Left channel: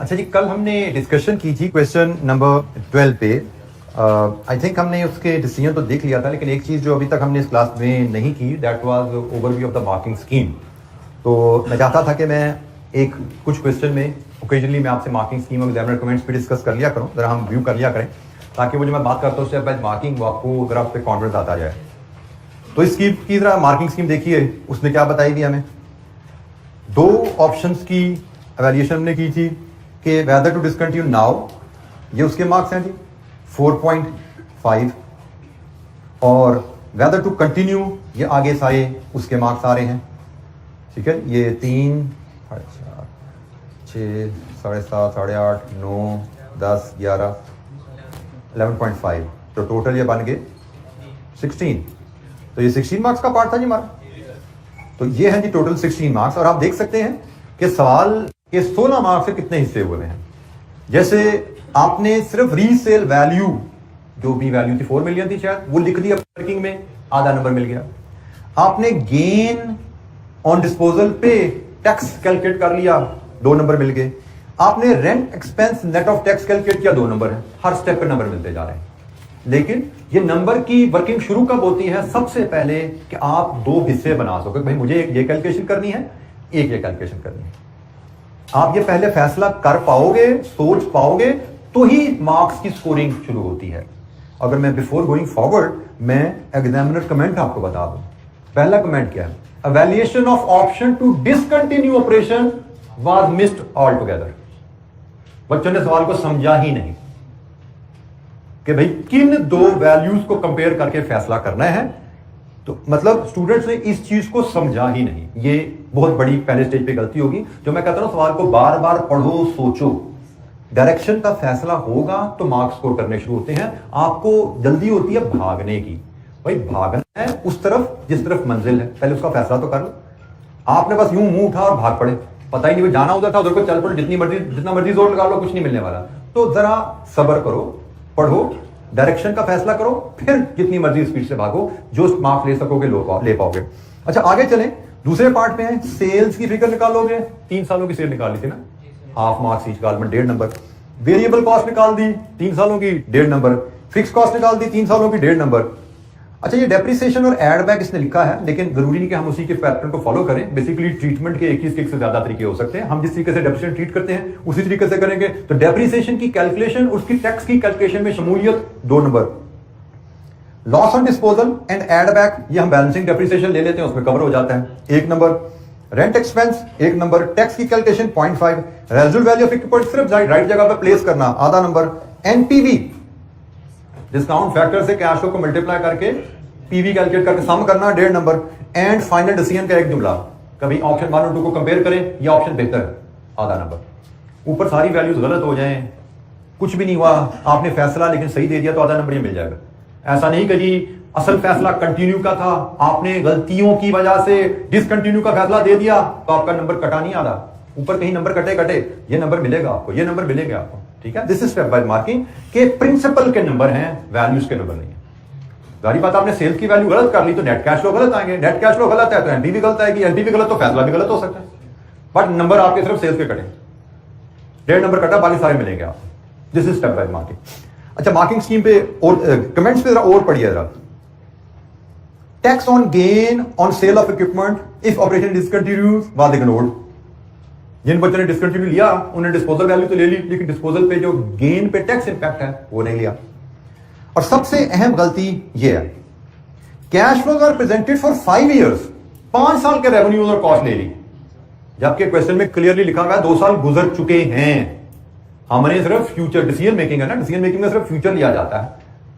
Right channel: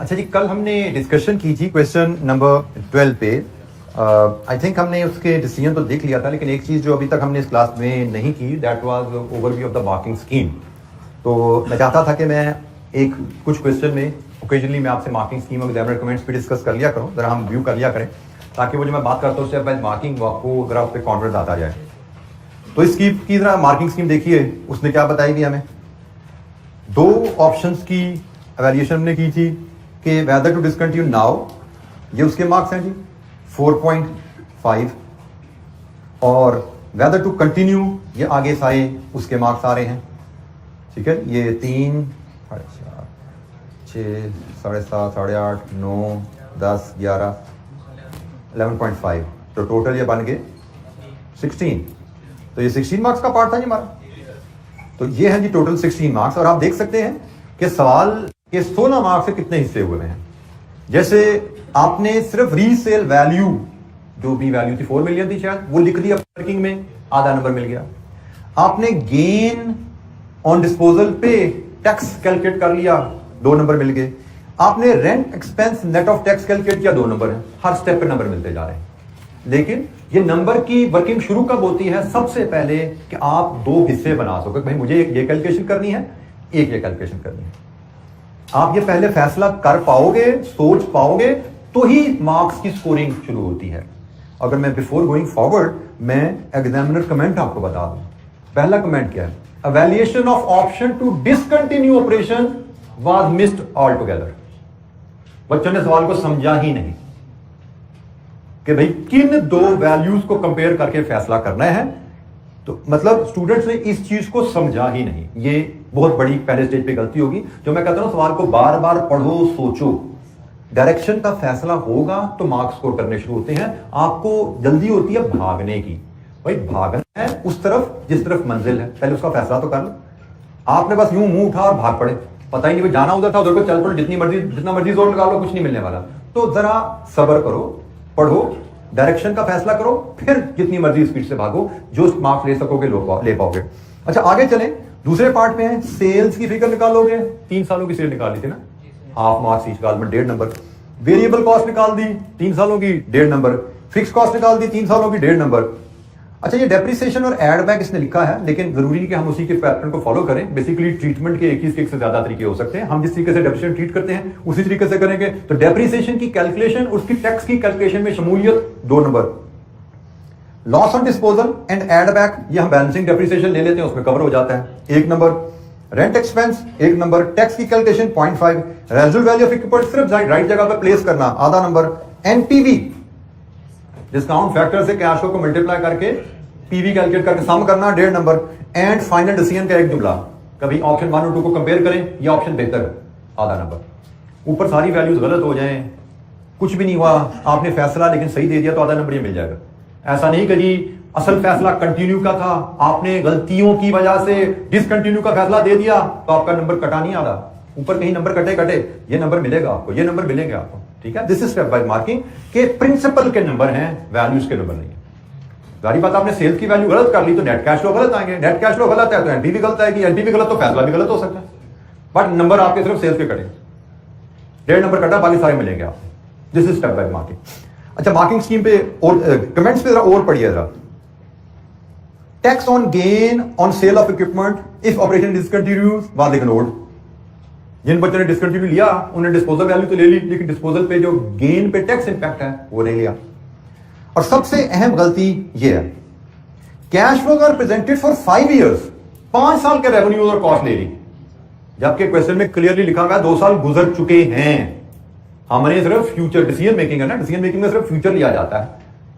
अच्छा जी, कल हमने डिस्कशन की थी क्वेश्चन नंबर 12 पे। आई थिंक हमने उसके डिसीजन तो देख लिया था, लेकिन एक चीज़ जो अभी तक हमने इस क्लास में नहीं की, that was overview of the marking scheme. तो मैं चाहता था कि मैं कुछ क्वेश्चन में ओकेजनली मैं आपसे मार्किंग स्कीम और एग्जामिनर कमेंट्स पे डिस्कस कर लिया करूँ, ज़रा हम व्यू कर लिया करें, ताकि वो जो मैं बात करता हूँ उससे बाद मार्किंग आपको ज़रा उस पर कॉन्फिडेंस आता जाए। तो इस स्कीम की ज़रा मार्किंग स्कीम देखिए, उसने क्या बताई थी हमें। दो ऑप्शंस की एवेल्यूएशन हमने की थी कि वेदर टू डिसकंटिन्यू नाउ, ये उसके मार्क्स हैं जी 4.5, और वेदर टू कंटिन्यू ये आगे सारे उसके मार्क्स आ रहे हैं। ठीक है, ये 3, 6, 7.5, 8.5, 9, 10, 11, 11.5, तो टोटल ये बन गए 16। तो ये 16 मार्क्स का पार्ट था जी हमारा। तो ये है जी टोटल 16 मार्क्स, और आप देख सकते हैं कि सवाल के 16 मार्क्स से कितने हिस्से हुए हैं। जैसे आपने सिर्फ रीसेल वैल्यू, जो भी वैल्यू थी 4 मिलियन थी शायद, वो लिख दिया वर्किंग में, आधा नंबर मिल गया। आपने गेन ऑन डिस्पोजल पे टैक्स कैलकुलेट कर लिया, 2 नंबर मिल गए। आपने rent expense net of tax calculate किया, 2 नंबर है। हर स्टेप पे नंबर मिलते जा रहे हैं। लेकिन ये नंबर की वर्किंग शुरू कब होती है? सबसे पहले कि आप 2 हिस्से बना सको, भाई मुझे ये कैलकुलेशन करनी है, एक ये कैलकुलेशन करनी है। आप ये पहले फैसला कर पाओगे, सोच पाओगे, तो ही मार्क्स की स्कोरिंग शुरू होती है। अगर मैं बिफोर गोइंग फॉरवर्ड मैं एग्जामिनर कमेंट आपको बता दूं। पहला कमेंट क्या है? Evaluation of option to discontinue operation was missed all together. बच्चों ने सवाल को समझा ही नहीं कि भाई किन 2 वैल्यूज को कंपेयर करके फैसला करना है। तो मतलब स्टूडेंट्स ने इस चीज को समझा ही नहीं। ये बहुत बड़ी पहले स्टेज पे गलती होगी। जो मैं कहता हूं सवाल को बार बार पढ़ो, सोचो, डायरेक्शन का फैसला होगा तो मार्क्स स्कोर करने शुरू होते हैं। आपको जल्दी होती है भागने की, भाई भागना है उस तरफ जिस तरफ मंजिल है, पहले उसका फैसला तो कर लो। आपने बस यूं मुंह उठा और भाग पड़े, पता ही नहीं भाई जाना उधर था, उधर को चल पड़ो, जितना मर्जी जोर लगा लो, कुछ नहीं मिलने वाला। तो जरा सब्र करो, पढ़ो, डायरेक्शन का फैसला करो, फिर जितनी मर्जी स्पीड से भागो, जो मार्क्स ले सकोगे ले पाओगे। अच्छा आगे चले, दूसरे पार्ट में है सेल्स की फिगर निकालोगे। 3 सालों की सेल निकाली थी ना, हाफ मार्क्स ईच का, 1.5 नंबर। वेरिएबल कॉस्ट निकाल दी 3 सालों की, 1.5 नंबर। फिक्स कॉस्ट निकाल दी 3 सालों की, 1.5 नंबर। अच्छा ये डेप्रिसिएशन और एड बैक इसने लिखा है, लेकिन जरूरी नहीं कि हम उसी के पैटर्न को फॉलो करें। बेसिकली ट्रीटमेंट के 21 से ज्यादा तरीके हो सकते हैं। हम जिस तरीके से डेप्रिसिएशन ट्रीट करते हैं उसी तरीके से करेंगे। तो डेप्रिसिएशन की कैलकुलेशन, उसकी टैक्स की कैलकुलेशन में शमूलियत 2 नंबर। Loss on disposal and add back, ये हम बैलेंसिंग डेप्रिसिएशन ले लेते हैं, उसमें कवर हो जाता है, 1 number. Rent expense 1 number. Tax की calculation 0.5। Residual value of equipment सिर्फ राइट जगह पर प्लेस करना, आधा नंबर। एनपीवी, डिस्काउंट फैक्टर से कैश फ्लो को मल्टीप्लाई करके पीवी कैलकुलेट करके सम करना, 1.5 नंबर। एंड फाइनल डिसीजन का एक जुमला, कभी ऑप्शन 1 और 2 को कंपेयर करें, ये ऑप्शन बेहतर है, आधा नंबर। ऊपर सारी वैल्यूज गलत हो जाएं, कुछ भी नहीं हुआ, आपने फैसला लेकिन सही दे दिया, तो आधा नंबर ये मिल जाएगा। ऐसा नहीं कि जी असल फैसला कंटिन्यू का था, आपने गलतियों की वजह से डिसकंटिन्यू का फैसला दे दिया, तो आपका नंबर कटा नहीं, आधा। ऊपर कहीं नंबर कटे, ये नंबर मिलेगा आपको, ये नंबर मिलेंगे आपको। ठीक है, this is step by marking के प्रिंसिपल के नंबर हैं, वैल्यूज के नंबर नहीं है। जारी बात, आपने सेल्स की वैल्यू गलत कर ली तो नेट कैश फ्लो गलत आएंगे, नेट कैश फ्लो गलत है तो एनपीवी गलत आएगी, एनपीवी गलत तो फैसला भी गलत हो सकता है। बट नंबर आपके सिर्फ सेल्स के कटे, 1.5 नंबर कटा, बाकी सारे मिलेंगे आपको। This is step by marking. अच्छा मार्किंग स्कीम पे और कमेंट्स पे जरा और पढ़िए जरा। Tax on gain on sale of equipment if operation discontinues was ignored. जिन बच्चों ने डिसकंटिन्यू लिया उन्होंने डिस्पोजल वैल्यू तो ले ली, लेकिन डिस्पोजल पे जो गेन पे टैक्स इंपैक्ट है वो नहीं लिया। और सबसे अहम गलती यह है, cash flows are presented for 5 years, 5 साल के रेवेन्यू और कॉस्ट ले ली, जबकि क्वेश्चन में क्लियरली लिखा हुआ है 2 साल गुजर चुके हैं। हमने सिर्फ फ्यूचर डिसीजन मेकिंग है ना, डिसीजन मेकिंग में सिर्फ फ्यूचर लिया जाता है।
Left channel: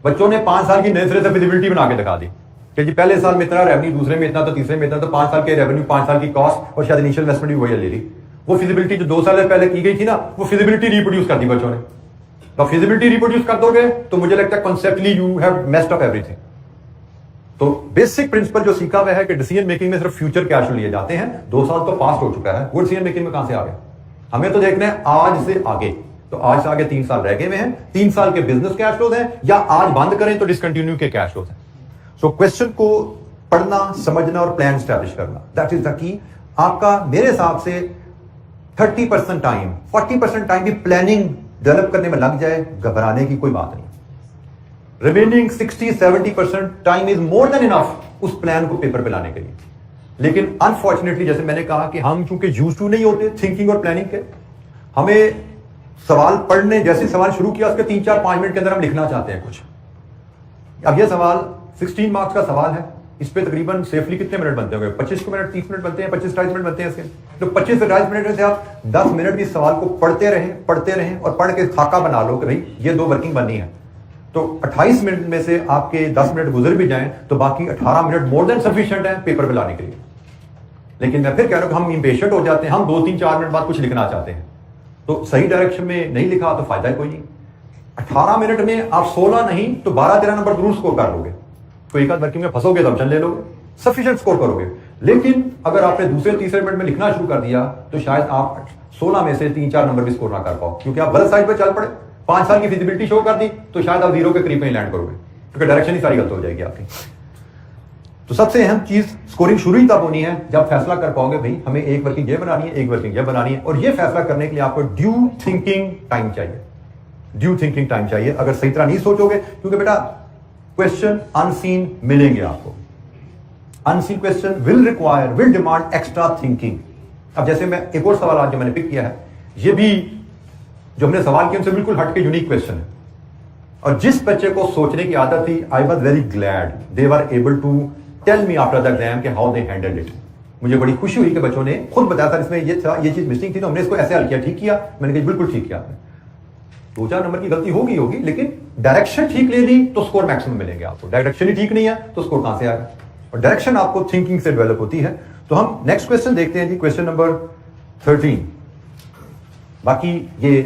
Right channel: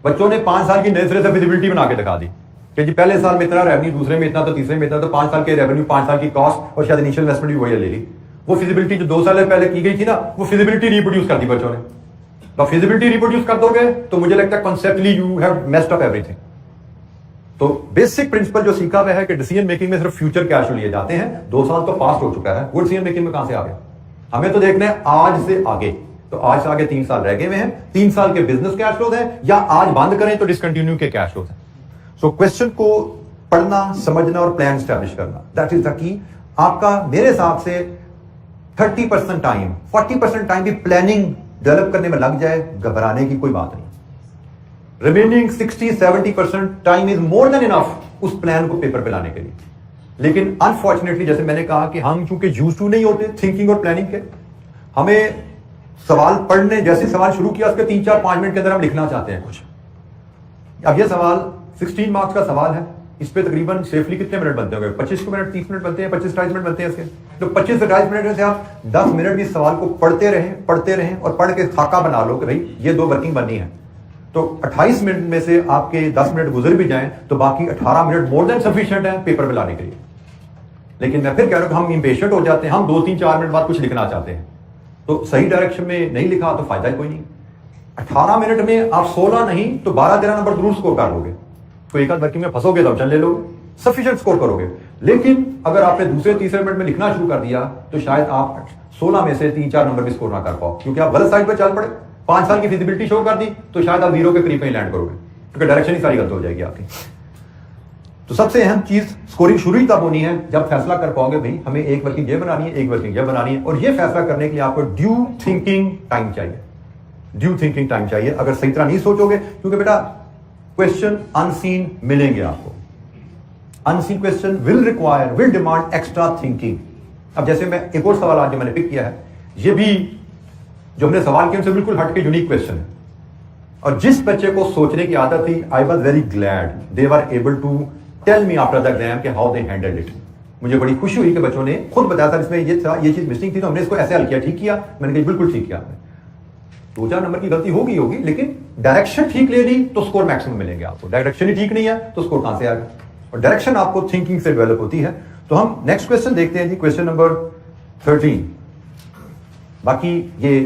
बच्चों ने 5 साल की नए सिरे से विजिबिलिटी बना के दिखा दी कि जी पहले साल में इतना रेवेन्यू, दूसरे में इतना, तो तीसरे में इतना, तो 5 साल के रेवेन्यू, 5 साल की कॉस्ट और शायद इनिशियल इन्वेस्टमेंट भी वही ले ली। वो फिजिबिलिटी जो 2 साल पहले की गई थी ना, वो फिजिबिलिटी रिप्रोड्यूस कर दी बच्चों ने। तो फिजिबिलिटी रिप्रोड्यूस कर दोगे तो मुझे लगता है conceptually you have messed up everything. तो बेसिक प्रिंसिपल जो सीखा हुआ है कि डिसीजन मेकिंग में सिर्फ फ्यूचर कैश लिए जाते हैं। 2 साल तो पास्ट हो चुका है, वो डिसीजन मेकिंग में कहां से आ गया? हमें तो देखना है आज से आगे। तो आज से आगे 3 साल रह गए हुए हैं, 3 साल के बिजनेस कैश फ्लोज हैं, या आज बंद करें तो डिसकंटिन्यू के कैश फ्लोज हैं। सो क्वेश्चन को पढ़ना, समझना और प्लान स्टैब्लिश करना, दैट इज द की। आपका मेरे हिसाब से 30% टाइम, 40% टाइम भी प्लानिंग डेवलप करने में लग जाए, घबराने की कोई बात नहीं। Remaining 60-70% time is more than enough उस प्लान को पेपर पे लाने के लिए। लेकिन अनफॉर्चुनेटली जैसे मैंने कहा कि हम चूंकि यूज्ड टू नहीं होते थिंकिंग और प्लानिंग के, हमें सवाल पढ़ने, जैसे सवाल शुरू किया उसके 3-4-5 मिनट के अंदर हम लिखना चाहते हैं कुछ। अब यह सवाल 16 मार्क्स का सवाल है, इस पे तकरीबन सेफली कितने मिनट बनते होंगे? 25 मिनट, 30 मिनट बनते हैं, 25-28 मिनट बनते हैं इसके। तो 25 से 28 मिनट में से आप 10 मिनट भी इस सवाल को पढ़ते रहें और पढ़ के खाका बना लो कि भाई ये 2 वर्किंग बननी है। तो 28 मिनट में से आपके 10 मिनट गुजर भी जाएं तो बाकी 18 मिनट मोर देन सफिशिएंट है पेपर पे लाने के लिए। लेकिन मैं फिर कह रहा हूं कि हम इंपेशेंट हो जाते हैं, हम 2-3-4 मिनट बाद कुछ लिखना चाहते हैं, तो सही डायरेक्शन में नहीं लिखा तो फायदा ही कोई नहीं। 18 मिनट में आप 16 नहीं तो 12-13 नंबर जरूर स्कोर कर लोगे। कोई एक आध वर्किंग में फंसोगे तो ऑप्शन ले लोगे, सफिशिएंट स्कोर करोगे। लेकिन अगर आपने दूसरे-तीसरे मिनट में लिखना शुरू कर दिया तो शायद आप 16 में से 3-4 नंबर भी स्कोर ना कर पाओ, क्योंकि आप गलत साइड पर चल पड़े। 5 साल की फिजिबिलिटी शो कर दी तो शायद आप 0 के करीब में लैंड करोगे, क्योंकि डायरेक्शन ही सारी गलत हो जाएगी आपकी। तो सबसे अहम चीज स्कोरिंग शुरू ही तब होनी है जब फैसला कर पाओगे भाई हमें एक वर्किंग ये बनानी है, एक वर्किंग ये बनानी है। और ये फैसला करने के लिए आपको ड्यू थिंकिंग टाइम चाहिए, ड्यू थिंकिंग टाइम चाहिए। अगर सही तरह नहीं सोचोगे, क्योंकि बेटा क्वेश्चन अनसीन मिलेंगे आपको, unseen question will demand extra thinking. अब जैसे मैं एक और सवाल आज जो मैंने पिक किया है, ये भी जो हमने सवाल किया उनसे बिल्कुल हटके यूनिक क्वेश्चन है। और जिस बच्चे को सोचने की आदत थी, I was very glad they were able to tell me after the exam कि हाउ दे हैंडल्ड इट। मुझे बड़ी खुशी हुई कि बच्चों ने खुद बताया था इसमें ये था, ये चीज मिसिंग थी, तो हमने इसको ऐसे हल किया, ठीक किया। मैंने कहा बिल्कुल ठीक किया आपने। 2-4 नंबर की गलती होगी, लेकिन डायरेक्शन ठीक ले ली तो स्कोर मैक्सिमम मिलेंगे आपको। डायरेक्शन ही ठीक नहीं है तो स्कोर कहां से आएगा? और डायरेक्शन आपको थिंकिंग से डेवलप होती है। तो हम नेक्स्ट क्वेश्चन देखते हैं जी, क्वेश्चन नंबर 13। बाकी ये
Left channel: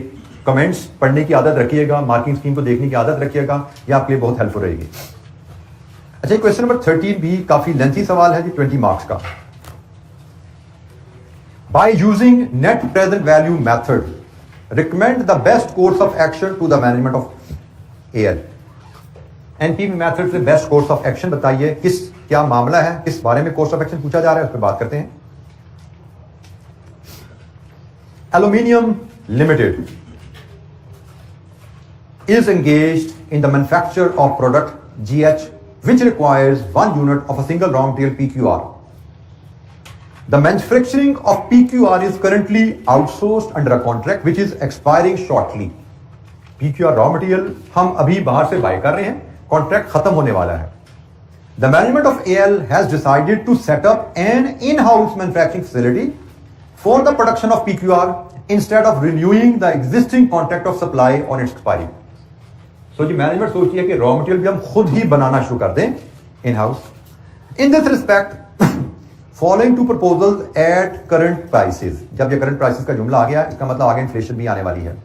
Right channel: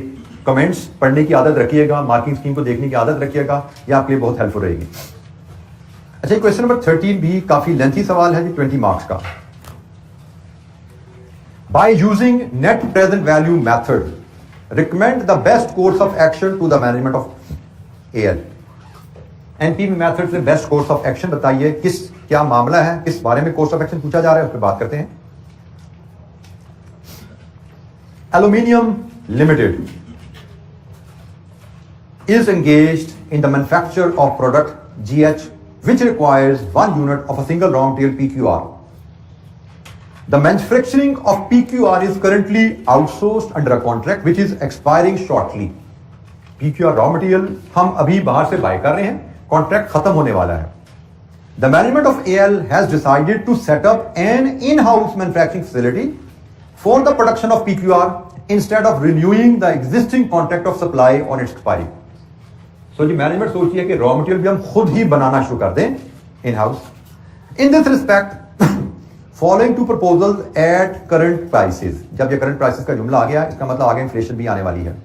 कमेंट्स पढ़ने की आदत रखिएगा, मार्किंग स्कीम को देखने की आदत रखिएगा, ये आपके लिए बहुत हेल्पफुल रहेगी। अच्छा, क्वेश्चन नंबर 13 भी काफी लेंथी सवाल है जी, 20 मार्क्स का। By using net present value method recommend the best course of action to the management of AL. NPV method से बेस्ट कोर्स ऑफ एक्शन बताइए, क्या मामला है, किस बारे में कोर्स ऑफ एक्शन पूछा जा रहा है, उस पर बात करते हैं। Aluminium limited is engaged in the manufacture of product GH which requires 1 unit of a single raw material PQR. The manufacturing of PQR is currently outsourced under a contract which is expiring shortly. PQR raw material हम अभी बाहर से bye कर रहे हैं, contract खत्म होने वाला है। The management of AL has decided to set up an in-house manufacturing facility for the production of PQR instead of renewing the existing contract of supply on its expiry. So जी management सोची है कि raw material भी हम खुद ही बनाना शुरू कर दें in house. In this respect following two proposals at current prices. जब ये करंट प्राइसेस का जुमला आ गया, इसका मतलब आगे इन्फ्लेशन भी आने वाली है।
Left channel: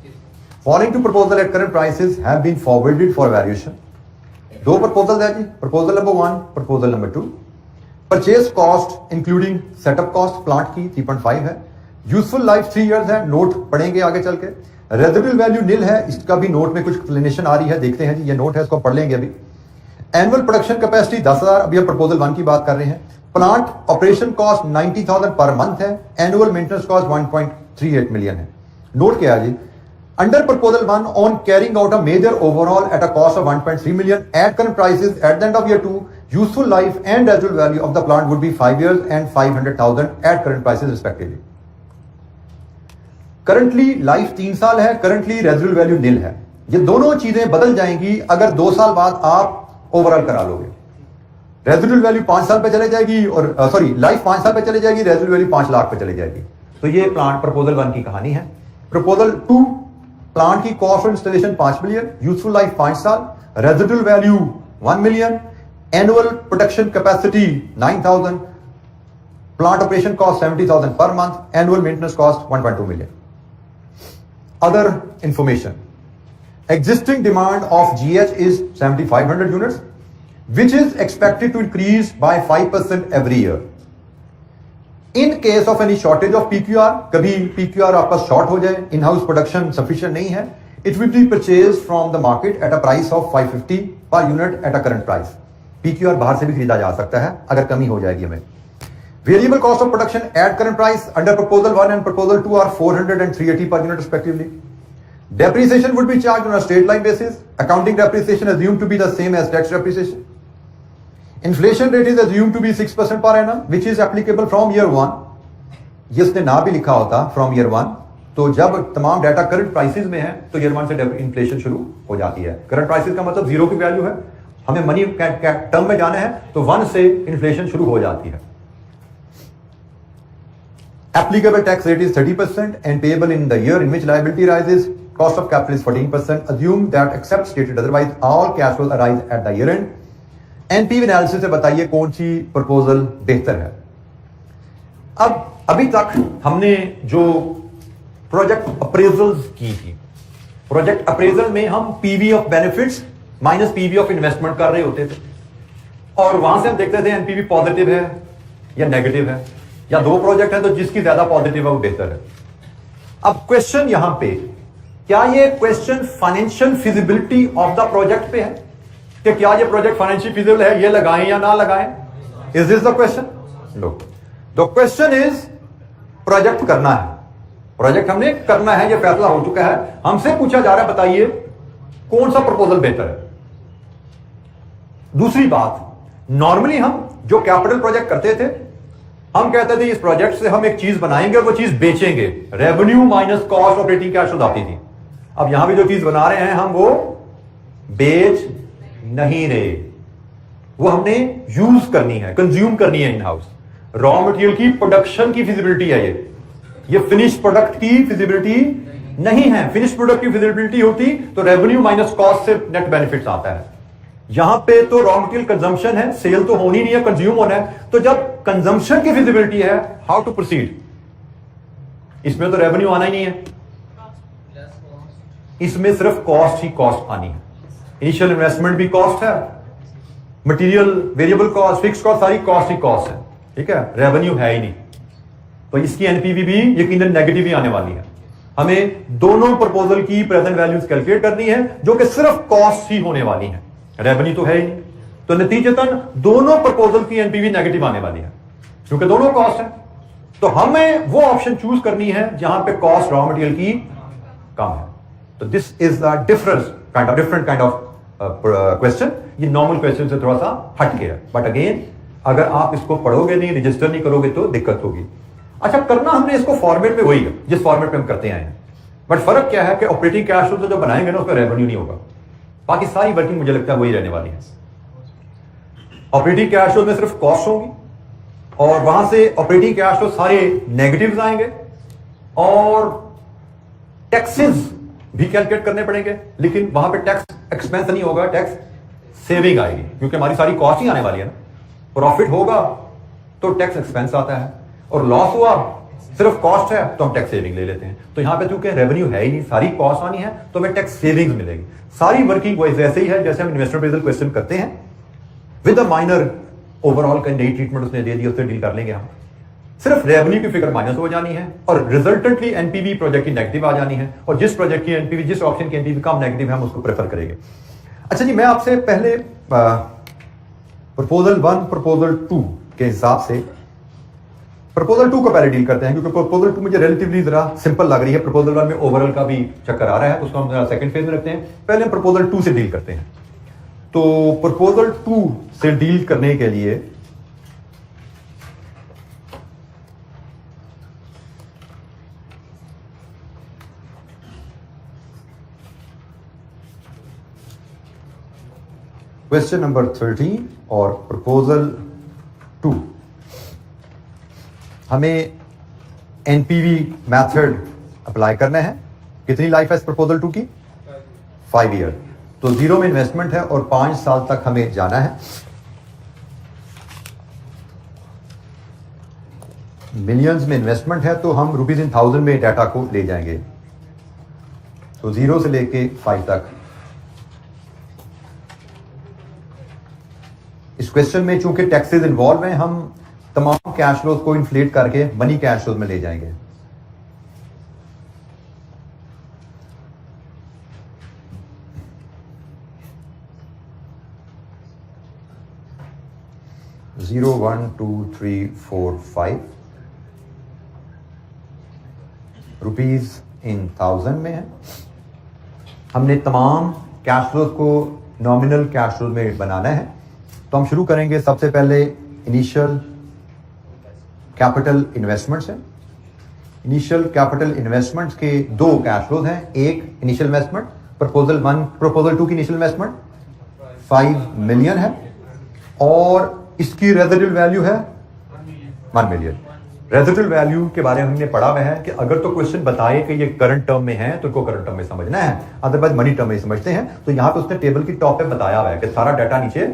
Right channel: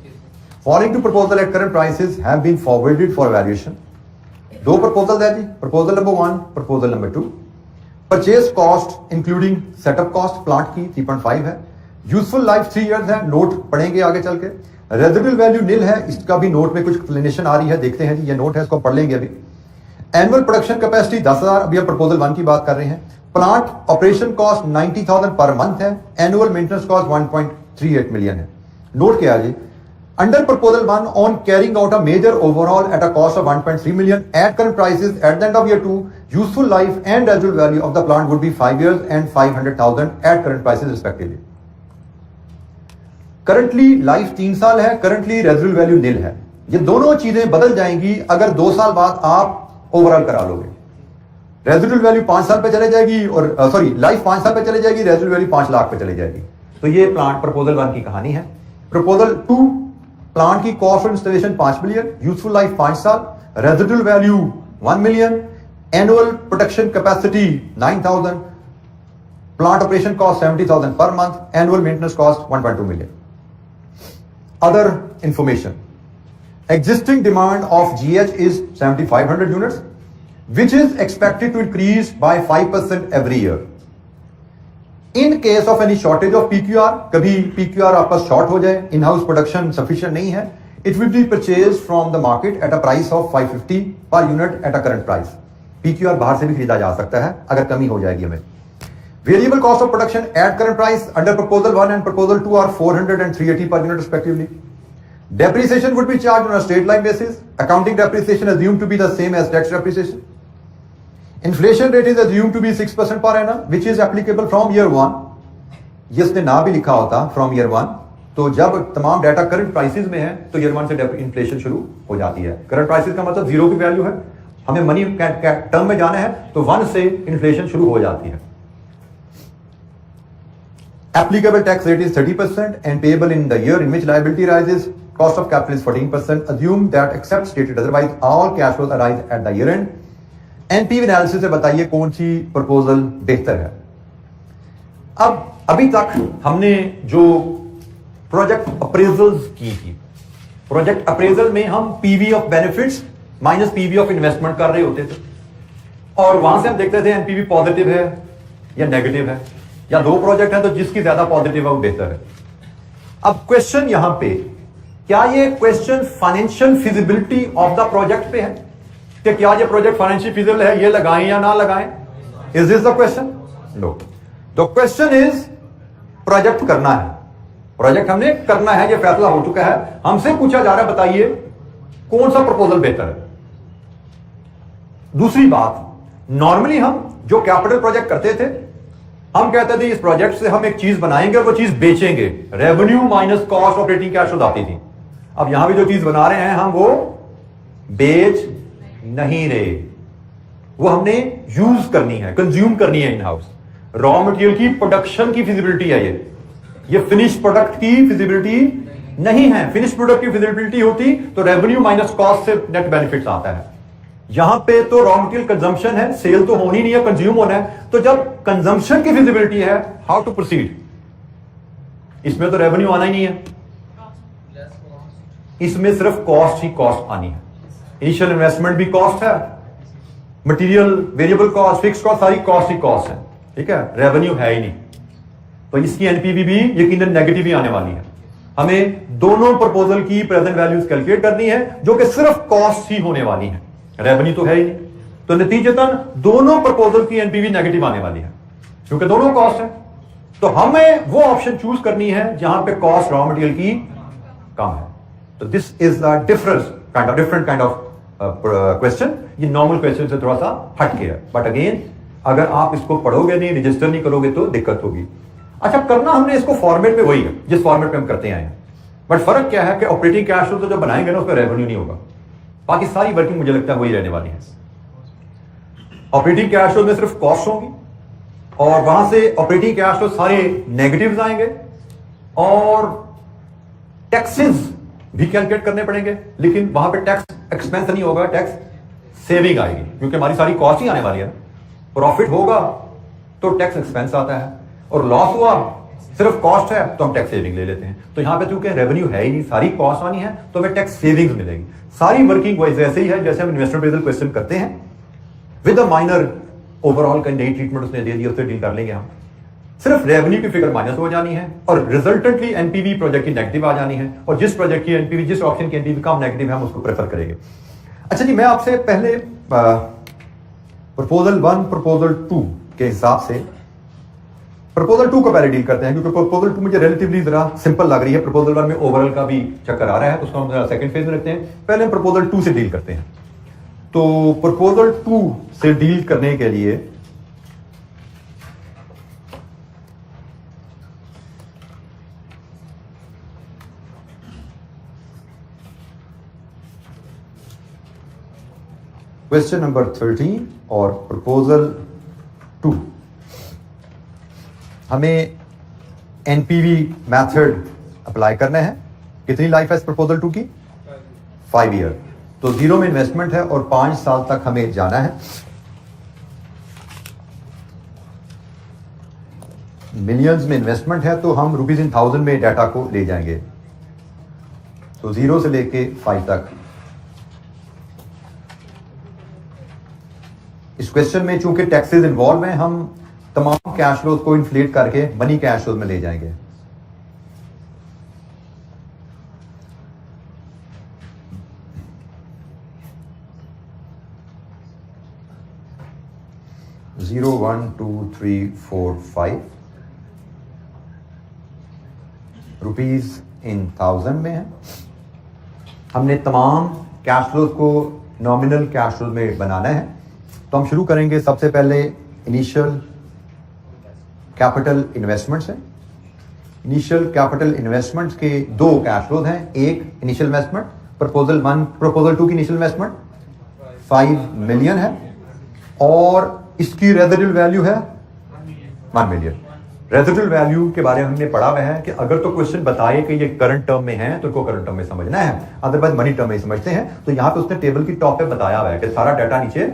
Following two proposal at current prices have been forwarded for valuation. 2 proposal है जी, proposal number 1, proposal number 2। Purchase cost including setup cost plant की 3.5 है। यूजफुल लाइफ 3 इयर्स है, नोट पढ़ेंगे आगे चल के। रेजिडुअल वैल्यू निल है, इसका भी नोट में कुछ एक्सप्लेनेशन आ रही है, देखते हैं जी, ये नोट है, इसको पढ़ लेंगे अभी। एनुअल प्रोडक्शन कैपेसिटी 10,000, अभी हम प्रपोजल 1 की बात कर रहे हैं। प्लांट ऑपरेशन कॉस्ट 90,000 पर मंथ है। एनुअल मेंटेनेंस कॉस्ट 1.38 मिलियन है। नोट क्या है जी, under proposal 1 on carrying out a major overall at a cost of 1.3 million at current prices at the end of year 2, useful life and residual value of the plant would be 5 years and 500,000 at current prices respectively. Currently life 3 साल है, currently residual value निल है। ये दोनों चीजें बदल जाएंगी अगर 2 साल बाद आप ओवरऑल करा लोगे। रेजिडुअल वैल्यू 5 साल पे चले जाएगी, और लाइफ 5 साल पे चले जाएगी, रेजिडुअल वैल्यू 5 लाख पे चले जाएगी। तो ये प्लांट प्रपोजल 1 की कहानी है। प्रपोजल 2, प्लांट की cost of installation 5 million, useful life 5 साल, residual value 1 million, annual production capacity 9,000, plant operation cost 70,000 per month, annual maintenance cost 1.2 million. Other information. Existing demand of GH is 7,500 units, which is expected to increase by 5% every year. In case of any shortage of PQR, कभी PQR आपका short हो जाए, in-house production sufficient नहीं है, it will be purchased from the market at a price of 550 per unit at a current price. PQR बाहर से भी खरीदा जा सकता है अगर कमी हो जाएगी हमें। Variable cost of production at current price under proposal 1 and proposal 2 are 400 and 380 per unit respectively. Depreciation would be charged on a straight line basis. Accounting depreciation assumed to be the same as tax depreciation. Inflation rate is assumed to be 6% per annum, which is applicable from year 1. ये इसने ना भी लिखा होता from year 1, तो जब तमाम data current prices में है तो year 1 से इन्फ्लेशन शुरू हो जाती है. करंट प्राइसेस का मतलब जीरो की वैल्यू है, हमें मनी टर्म में जाना है तो 1 से इन्फ्लेशन शुरू हो जाती है. Applicable tax rate is 30% and payable in the year in which liability rises. Cost of capital is 14%. Assume that except stated otherwise, all cash flows arise at the year end. NPV analysis से बताइए कौन सी proposal बेहतर है. अब अभी तक हमने जो प्रोजेक्ट अप्रेजल्स की थी, प्रोजेक्ट अप्रेजल में हम PV of benefits minus PV of investment कर रहे होते थे और वहां से हम देखते थे एनपीवी पॉजिटिव है या नेगेटिव है, या दो प्रोजेक्ट है तो जिसकी ज्यादा पॉजिटिव है वो बेहतर है. अब क्वेश्चन यहां पे, क्या ये question financial feasibility of the project पे है कि क्या ये प्रोजेक्ट फाइनेंशियल फिजिबल है, ये लगाएं या ना लगाएं? Is this the question? No. The question is project करना है, प्रोजेक्ट हमने करना है, ये फैसला हो चुका है. हमसे पूछा जा रहा है बताइए कौन सा प्रपोजल बेहतर है. दूसरी बात, नॉर्मली हम जो कैपिटल प्रोजेक्ट करते थे हम कहते थे इस प्रोजेक्ट से हम एक चीज बनाएंगे और वो चीज बेचेंगे, revenue minus cost operating cash flow आती थी. अब यहां भी जो चीज बना रहे हैं हम वो बेच नहीं रहे, वो हमने यूज करनी है, कंज्यूम करनी है इन हाउस. रॉ मटेरियल की प्रोडक्शन की फिजिबिलिटी है ये फिनिश प्रोडक्ट की फिजिबिलिटी नहीं है. फिनिश प्रोडक्ट की फिजिबिलिटी होती तो रेवेन्यू माइनस कॉस्ट से नेट बेनिफिट्स आता है. यहां पे तो रॉ मटेरियल कंजम्पशन है, सेल तो होनी नहीं है, कंज्यूम होना है. तो जब कंजम्पशन की फिजिबिलिटी है, हाउ टू प्रोसीड? इसमें तो रेवेन्यू आना ही नहीं है, इसमें सिर्फ कॉस्ट ही कॉस्ट आनी है. इनिशियल इन्वेस्टमेंट भी कॉस्ट है, material variable cost fix cost सारी कॉस्ट ही कॉस्ट है. ठीक है, रेवेन्यू है ही नहीं, तो इसकी एनपीवी भी यकीनन नेगेटिव ही आने वाली है. हमें दोनों प्रपोजल की प्रेजेंट वैल्यूज कैलकुलेट करनी है जो कि सिर्फ कॉस्ट ही होने वाली है, रेवेन्यू तो है ही नहीं. तो नतीजतन दोनों प्रपोजल की एनपीवी नेगेटिव आने वाली है क्योंकि दोनों कॉस्ट है. तो हमें वो ऑप्शन चूज करनी है जहां पे कॉस्ट रॉ मटेरियल की कम है. तो this is the different kind of question. ये नॉर्मल क्वेश्चन से थोड़ा सा हटके है, बट अगेन अगर आप इसको पढ़ोगे नहीं, रजिस्टर नहीं करोगे तो दिक्कत होगी. अच्छा, करना हमने इसको फॉर्मेट में वही है जिस फॉर्मेट में हम करते आए हैं, बट फर्क क्या है कि ऑपरेटिंग कैश फ्लो जो बनाएंगे ना उसमें रेवेन्यू नहीं होगा, बाकी सारी वर्किंग मुझे लगता है वही रहने वाली है. ऑपरेटिंग कैश फ्लो में सिर्फ कॉस्ट होंगी और वहां से ऑपरेटिंग कैश फ्लो सारे नेगेटिव्स आएंगे और टैक्सेस भी कैलकुलेट करने पड़ेंगे, लेकिन वहां पे टैक्स एक्सपेंस नहीं होगा, टैक्स सेविंग आएगी क्योंकि हमारी सारी कॉस्ट ही आने वाली है ना. प्रॉफिट होगा तो टैक्स एक्सपेंस आता है और लॉस हुआ सिर्फ कॉस्ट है तो हम टैक्स सेविंग ले लेते हैं. तो यहां पे चूंकि रेवेन्यू है ही नहीं, सारी कॉस्ट आनी है तो हमें टैक्स सेविंग्स मिलेगी. सारी वर्किंग वैसे ही है जैसे हम इन्वेस्टमेंट अप्रेजल क्वेश्चन करते हैं, विद अ माइनर ओवरऑल का नई ट्रीटमेंट उसने दे दी, उससे डील कर लेंगे हम. सिर्फ रेवेन्यू की फिगर माइनस हो जानी है और रिजल्टेंटली एनपीवी प्रोजेक्ट की नेगेटिव आ जानी है और जिस प्रोजेक्ट की एनपीवी, जिस ऑप्शन की एनपीवी कम नेगेटिव है हम उसको प्रेफर करेंगे. अच्छा जी, मैं आपसे पहले प्रपोजल 1 प्रपोजल 2 के हिसाब से प्रपोजल 2 को पहले डील करते हैं क्योंकि प्रपोजल 2 मुझे रिलेटिवली जरा सिंपल लग रही है. प्रपोजल 1 में ओवरऑल का भी चक्कर आ रहा है तो उसको हम सेकंड फेज में रखते हैं. पहले हम प्रपोजल 2 से डील करते हैं. तो प्रपोजल 2 से डील करने के लिए क्वेश्चन नंबर 13 और प्रपोजल 2, हमें एनपीवी मेथड अप्लाई करना है. कितनी लाइफ है इस प्रपोजल 2 की? 5 ईयर. तो 0 में इन्वेस्टमेंट है और 5 साल तक हमें जाना है. मिलियंस में इन्वेस्टमेंट है तो हम रुपीज इन 1000 में डाटा को ले जाएंगे. तो 0 से लेके 5 तक. इस क्वेश्चन में चूंकि टैक्सेस इन्वॉल्व हैं, हम तमाम कैश फ्लोज को इन्फ्लेट करके मनी कैश फ्लोज में ले जाएंगे. 0 1 2 3 4 5 रुपीज इन 1000 में है। हमने तमाम कैश फ्लोज को नॉमिनल कैश फ्लोज में बनाना है। तो हम शुरू करेंगे सबसे पहले इनिशियल कैपिटल इन्वेस्टमेंट्स है। इनिशियल कैपिटल इन्वेस्टमेंट्स के दो कैश फ्लोज हैं। एक इनिशियल इन्वेस्टमेंट प्रपोजल 1 प्रपोजल 2 की इनिशियल इन्वेस्टमेंट 5 मिलियन है और इसकी रेजिडुअल वैल्यू है 1 मिलियन। रेजिडुअल वैल्यू के बारे में हमने पढ़ा हुआ है कि अगर तो क्वेश्चन बताए कि ये करंट टर्म में है तो इनको करंट टर्म में समझना है, अदरवाइज मनी टर्म में समझते हैं। तो यहां पे उसने टेबल की टॉप पे बताया हुआ है कि सारा डाटा नीचे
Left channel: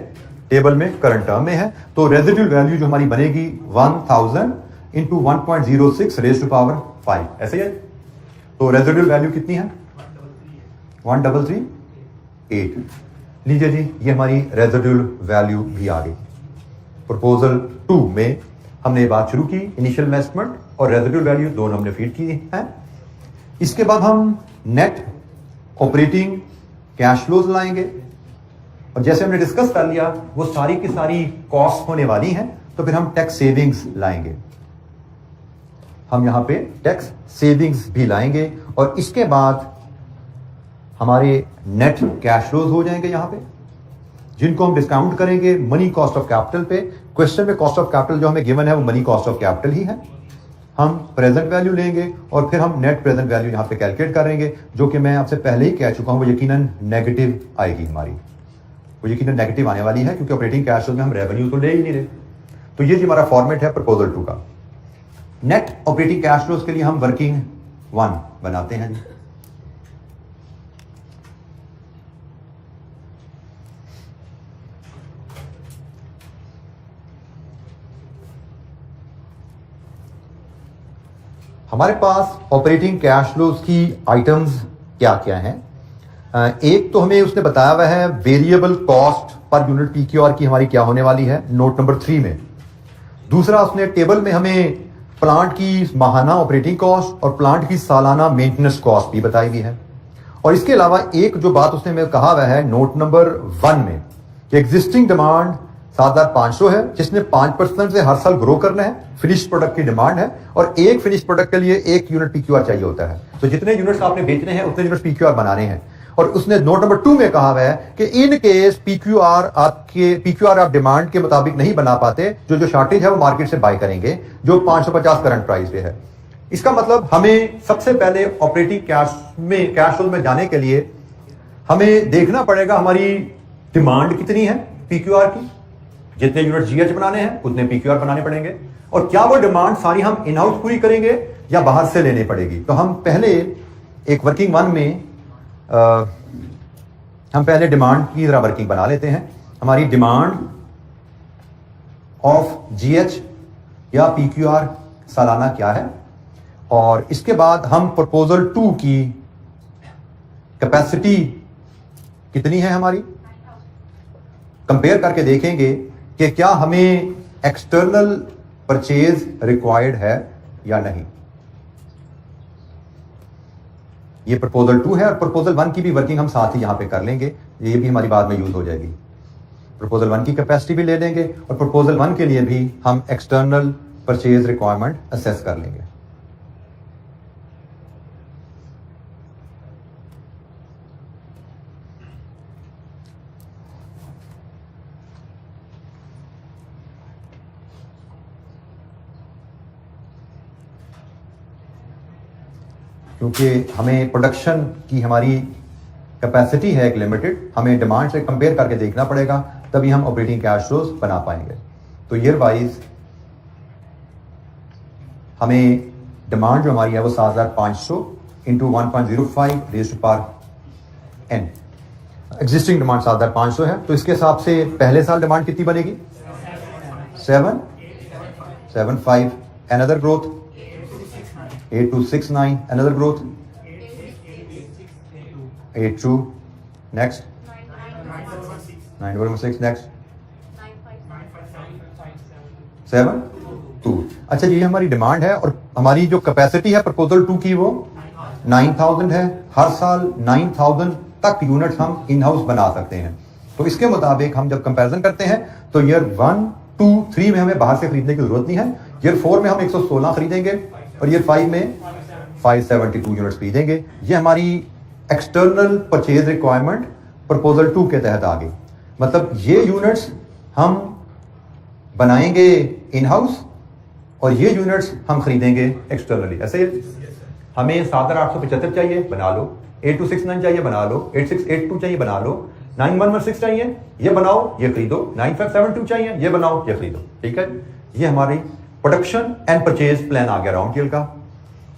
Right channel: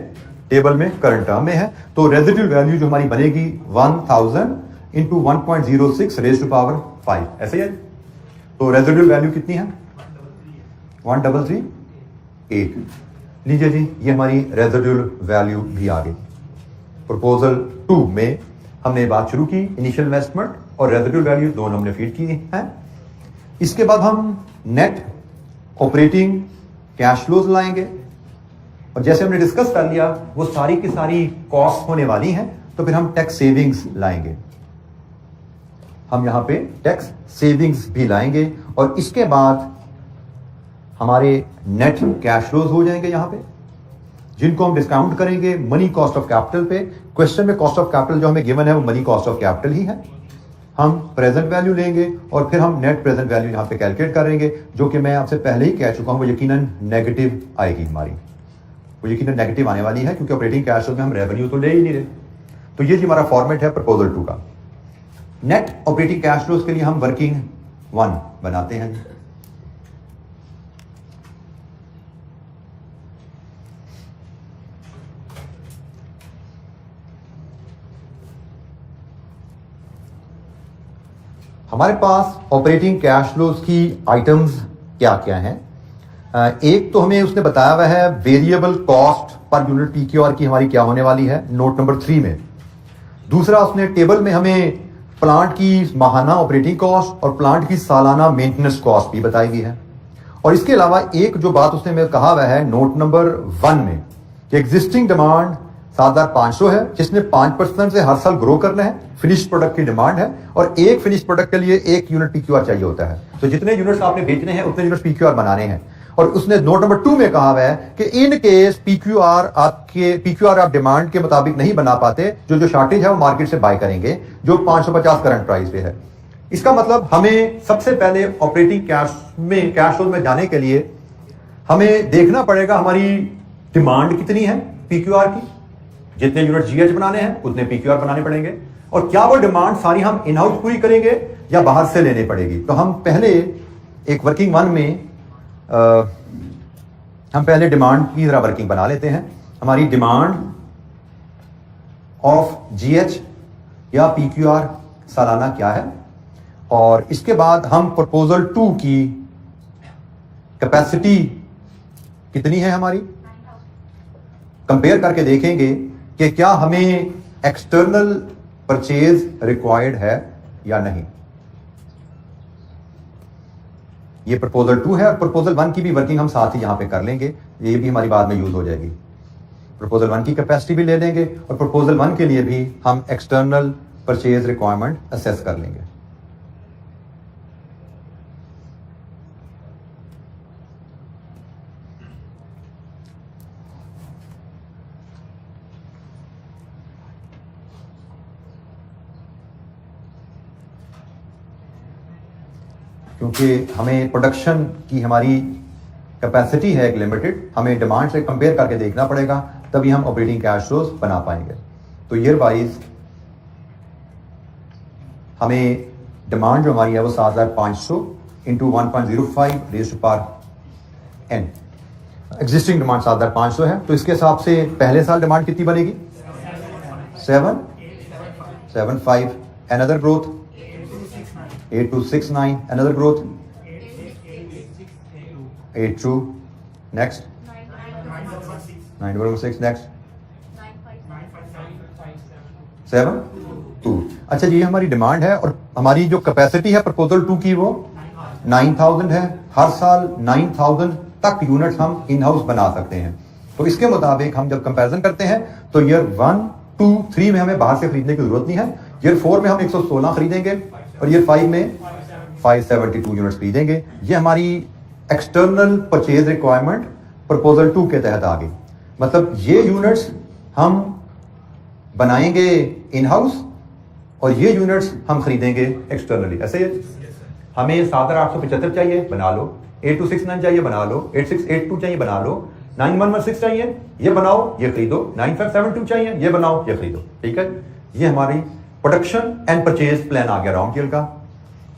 टेबल में करंट टर्म में है। तो रेजिडुअल वैल्यू जो हमारी बनेगी 1000 इंटू 1.06 रेज़ टू पावर 5, ऐसे ही है। तो रेजिडुअल वैल्यू कितनी है 1338। लीजिए जी, ये हमारी रेजिडुअल वैल्यू भी आ गई। प्रपोजल 2 में हमने बात शुरू की, इनिशियल इन्वेस्टमेंट और रेजिडुअल वैल्यू दोनों हमने फीड की है। इसके बाद हम नेट ऑपरेटिंग कैश फ्लोज लाएंगे और जैसे हमने डिस्कस कर लिया वो सारी की सारी कॉस्ट होने वाली हैं। तो फिर हम टैक्स सेविंग्स लाएंगे, हम यहां पे टैक्स सेविंग्स भी लाएंगे और इसके बाद हमारे नेट कैश फ्लोज हो जाएंगे यहां पे, जिनको हम डिस्काउंट करेंगे मनी कॉस्ट ऑफ कैपिटल पे। क्वेश्चन में कॉस्ट ऑफ कैपिटल जो हमें गिवन है वो मनी कॉस्ट ऑफ कैपिटल ही है। हम प्रेजेंट वैल्यू लेंगे और फिर हम नेट प्रेजेंट वैल्यू यहां पे कैलकुलेट करेंगे, जो कि मैं आपसे पहले ही कह चुका हूं वो यकीनन नेगेटिव आएगी हमारी, वो यकीनन नेगेटिव आने वाली है क्योंकि ऑपरेटिंग कैश फ्लो में हम रेवेन्यू तो ले ही नहीं रहे। तो ये जी हमारा फॉर्मेट है प्रपोजल 2 का। नेट ऑपरेटिंग कैश फ्लोज के लिए हम वर्किंग 1 बनाते हैं। हमारे पास ऑपरेटिंग कैश फ्लोज की आइटम्स क्या क्या हैं। एक तो हमें उसने बताया हुआ है variable cost per unit PQR की हमारी क्या होने वाली है नोट नंबर 3 में। दूसरा उसने टेबल में हमें प्लांट की माहाना ऑपरेटिंग कॉस्ट और प्लांट की सालाना मेंटेनेंस कॉस्ट भी बताई हुई है। और इसके अलावा एक जो बात उसने हमें कहा हुआ है नोट नंबर 1 में कि एग्जिस्टिंग डिमांड 7500 है, जिसने 5% से हर साल ग्रो करना है। फिनिश्ड प्रोडक्ट की डिमांड है और एक फिनिश प्रोडक्ट के लिए 1 यूनिट पीक्यूआर चाहिए होता है। तो जितने यूनिट्स आपने बेचने हैं उतने यूनिट पीक्यूआर बनाने हैं। और उसने नोट नंबर 2 में कहा हुआ है कि इन केस पीक्यूआर आप डिमांड के मुताबिक नहीं बना पाते, जो शॉर्टेज है वो मार्केट से बाय करेंगे, जो 550 करंट प्राइस पे है। इसका मतलब हमें सबसे पहले ऑपरेटिंग कैश फ्लो में जाने के लिए हमें देखना पड़ेगा हमारी डिमांड कितनी है पीक्यूआर की। जितने यूनिट जीएच बनाने हैं उतने पीक्यूआर बनाने पड़ेंगे और क्या वो डिमांड सारी हम इन हाउस पूरी करेंगे या बाहर से लेने पड़ेगी। तो हम पहले एक वर्किंग 1 में हम पहले डिमांड की जरा वर्किंग बना लेते हैं। हमारी डिमांड ऑफ जीएच या पीक्यूआर सालाना क्या है और इसके बाद हम प्रपोजल 2 की कैपेसिटी कितनी है हमारी कंपेयर करके देखेंगे कि क्या हमें एक्सटर्नल परचेज रिक्वायर्ड है या नहीं। ये प्रपोजल 2 है और प्रपोजल 1 की भी वर्किंग हम साथ ही यहां पे कर लेंगे, ये भी हमारी बाद में यूज हो जाएगी। प्रपोजल 1 की कैपेसिटी भी ले लेंगे और प्रपोजल 1 के लिए भी हम एक्सटर्नल परचेज रिक्वायरमेंट असेस कर लेंगे। क्योंकि हमें प्रोडक्शन की हमारी कैपेसिटी है एक लिमिटेड, हमें डिमांड से कंपेयर करके देखना पड़ेगा, तभी हम ऑपरेटिंग कैश फ्लोज बना पाएंगे। तो ईयर वाइज हमें डिमांड जो हमारी है वो 7500 into 1.05 raise to power n। Existing demand 7500 है, तो इसके हिसाब से पहले साल डिमांड कितनी बनेगी 775। Another growth 8269, another growth 82, next 916, next 72। अच्छा जी, ये हमारी डिमांड है और हमारी जो कैपेसिटी है प्रपोजल 2 की वो 9000 है। हर साल 9000 तक यूनिट्स हम इन हाउस बना सकते हैं। तो इसके मुताबिक हम जब कंपैरिजन करते हैं तो ईयर 1 3 में हमें बाहर से खरीदने की जरूरत नहीं है। ईयर 4 में हम 116 खरीदेंगे और ईयर 5 में 572 यूनिट्स खरीदेंगे। ये हमारी एक्सटर्नल परचेज रिक्वायरमेंट प्रपोजल 2 के तहत आ गई। मतलब ये यूनिट्स हम बनाएंगे इन हाउस और ये यूनिट्स हम खरीदेंगे एक्सटर्नली। ऐसे हमें 7875 चाहिए, बना लो। 8269 चाहिए, बना लो। 8682 चाहिए, बना लो। 9116 चाहिए, ये बनाओ, ये खरीदो। 9572 चाहिए, ये बनाओ, ये खरीदो। ठीक है, ये हमारी प्रोडक्शन एंड परचेज प्लान आ गया राउंड टेल का।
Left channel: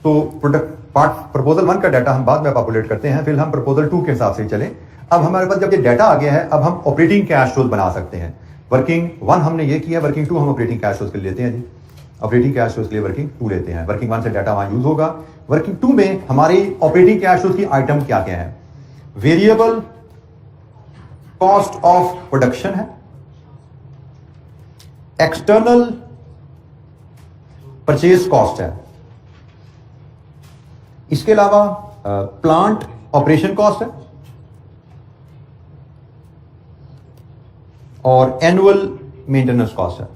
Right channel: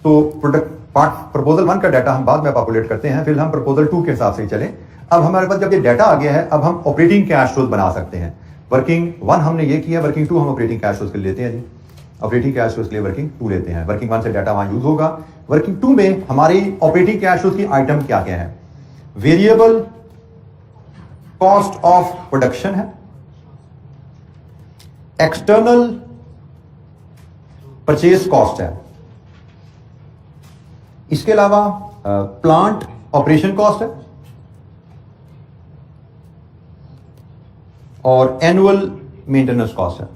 तो प्रोडक्ट पार्ट प्रपोजल 1 का डाटा हम बाद में पॉपुलेट करते हैं, फिर हम प्रपोजल 2 के हिसाब से चलें। अब हमारे पास जब ये डाटा आ गया है, अब हम ऑपरेटिंग कैश फ्लोज बना सकते हैं। वर्किंग 1 हमने ये किया, वर्किंग 2 हम ऑपरेटिंग कैश फ्लोज के लिए लेते हैं जी। ऑपरेटिंग कैश फ्लोज के लिए वर्किंग 2 लेते हैं। वर्किंग 1 से डाटा वहां यूज होगा। वर्किंग 2 में हमारी ऑपरेटिंग कैश फ्लोज की आइटम क्या क्या है? वेरिएबल कॉस्ट ऑफ प्रोडक्शन है, एक्सटर्नल परचेज कॉस्ट है, इसके अलावा प्लांट ऑपरेशन कॉस्ट है और एनुअल मेंटेनेंस कॉस्ट है।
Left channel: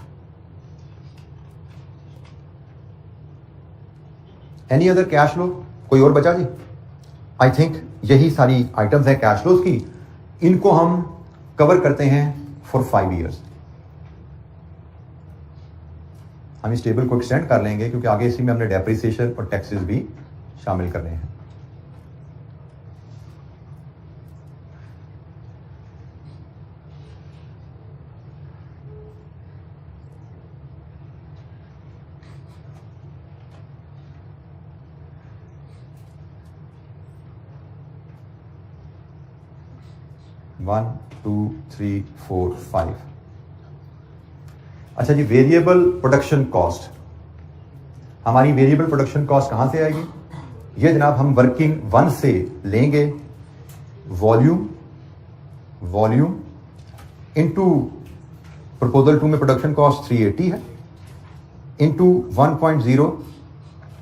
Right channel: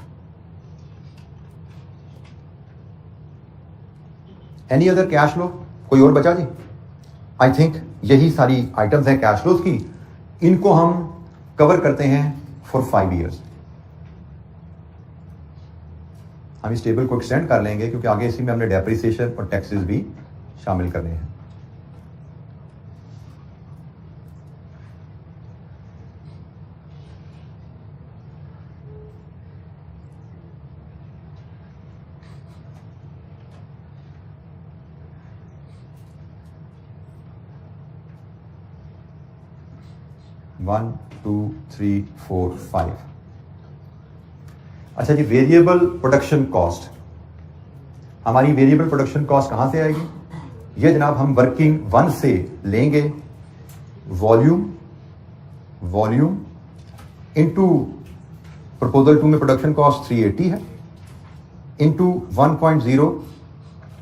Any other cash flow? कोई और बचा जी? आई थिंक यही सारी आइटम्स हैं कैश फ्लोज की। इनको हम कवर करते हैं फॉर 5 ईयर्स। हम इस टेबल को एक्सटेंड कर लेंगे क्योंकि आगे इसी में हमने डेप्रिसिएशन और टैक्सेस भी शामिल करने हैं। वन, 2, 3, 4, 5। अच्छा जी, वेरिएबल प्रोडक्शन कॉस्ट। हमारी वेरिएबल प्रोडक्शन कॉस्ट कहां से आएगी? ये जनाब हम वर्किंग 1 से लेंगे। वॉल्यूम इनटू प्रपोजल 2 में प्रोडक्शन कॉस्ट 380 है, इनटू 1.0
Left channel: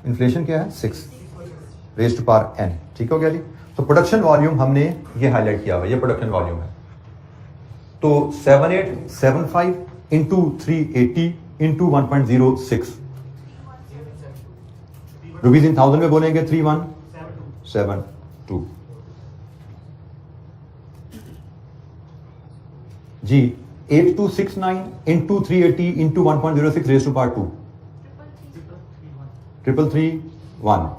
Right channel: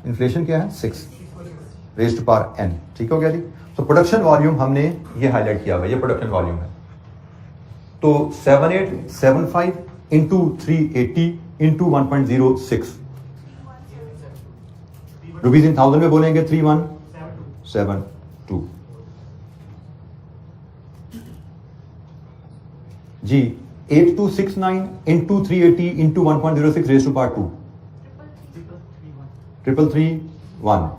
इन्फ्लेशन क्या है 6 रेज़्ड टू पावर n। ठीक हो गया जी। तो प्रोडक्शन वॉल्यूम हमने ये हाईलाइट किया हुआ है, ये प्रोडक्शन वॉल्यूम है। तो 7875 इंटू 380 इंटू 1.06 रुपीज इन 1000 में बोलेंगे 3172 जी। 8269 into 380 into 1.06 raised to power 2 3331।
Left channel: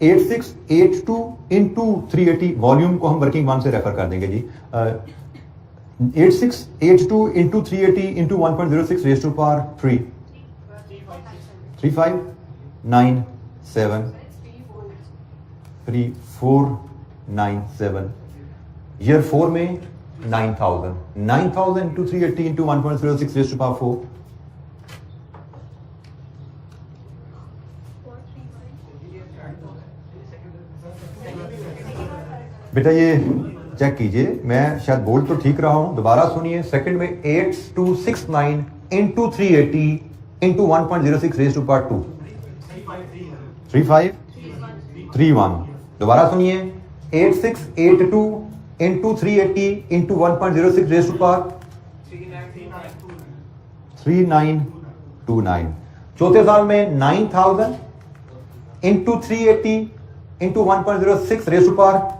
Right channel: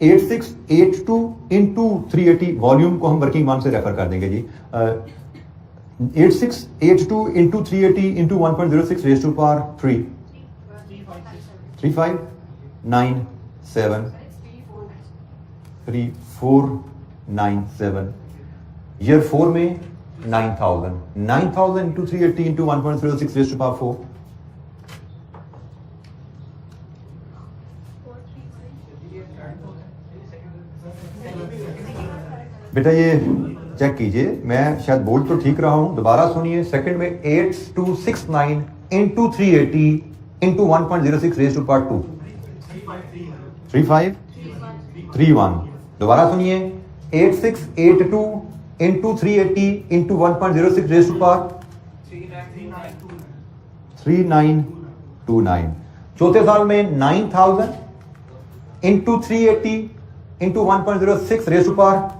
8682 into 380 volume को हम वर्किंग 1 से रेफर कर देंगे जी। 8682 into 380 into 1.06 raised to power 3 3597 3497। Year 4 में 9000 into 380 into 1.06 raised to power 4 बेटा ये चेक कीजिए, मैं शायद बोल तो ठीक रहा हूं, दोबारा सुनिए। सेकंड में 8269 into 380 into 1.06 raised to power 2 3531। दोबारा सुनिए 8682 into 380 into 1.06 raised to power 3929। चौथे साल में 9000 into 380 into 1.06 raised to power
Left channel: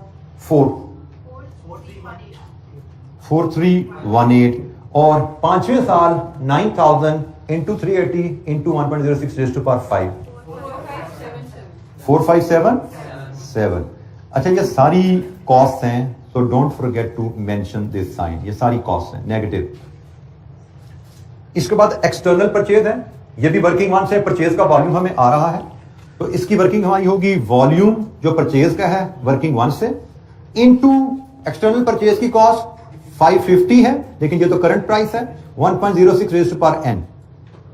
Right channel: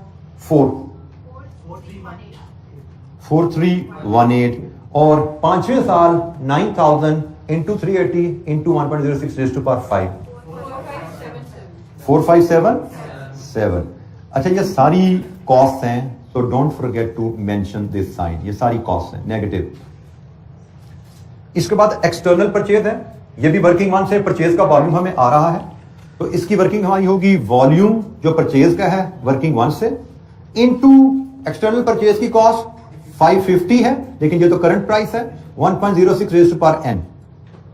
4318। और पांचवें साल 9000 into 380 into 1.06 raised to power 5 4577। अच्छा, ये सारी कॉस्ट हैं, so don't forget to mention this sign. ये सारी कॉस्ट हैं नेगेटिव। इसके बाद एक्सटर्नल परचेज है, ये भी वर्किंग 1 से परचेज का वॉल्यूम हमें आ रहा है, तो इसकी वर्किंग हमारी होगी वॉल्यूम जो परचेज का है वर्किंग 1 से इनटू एक्सटर्नल परचेज की कॉस्ट 550 है, लेकिन ये तो करंट प्राइस है 1.06 रेज़्ड टू पावर n।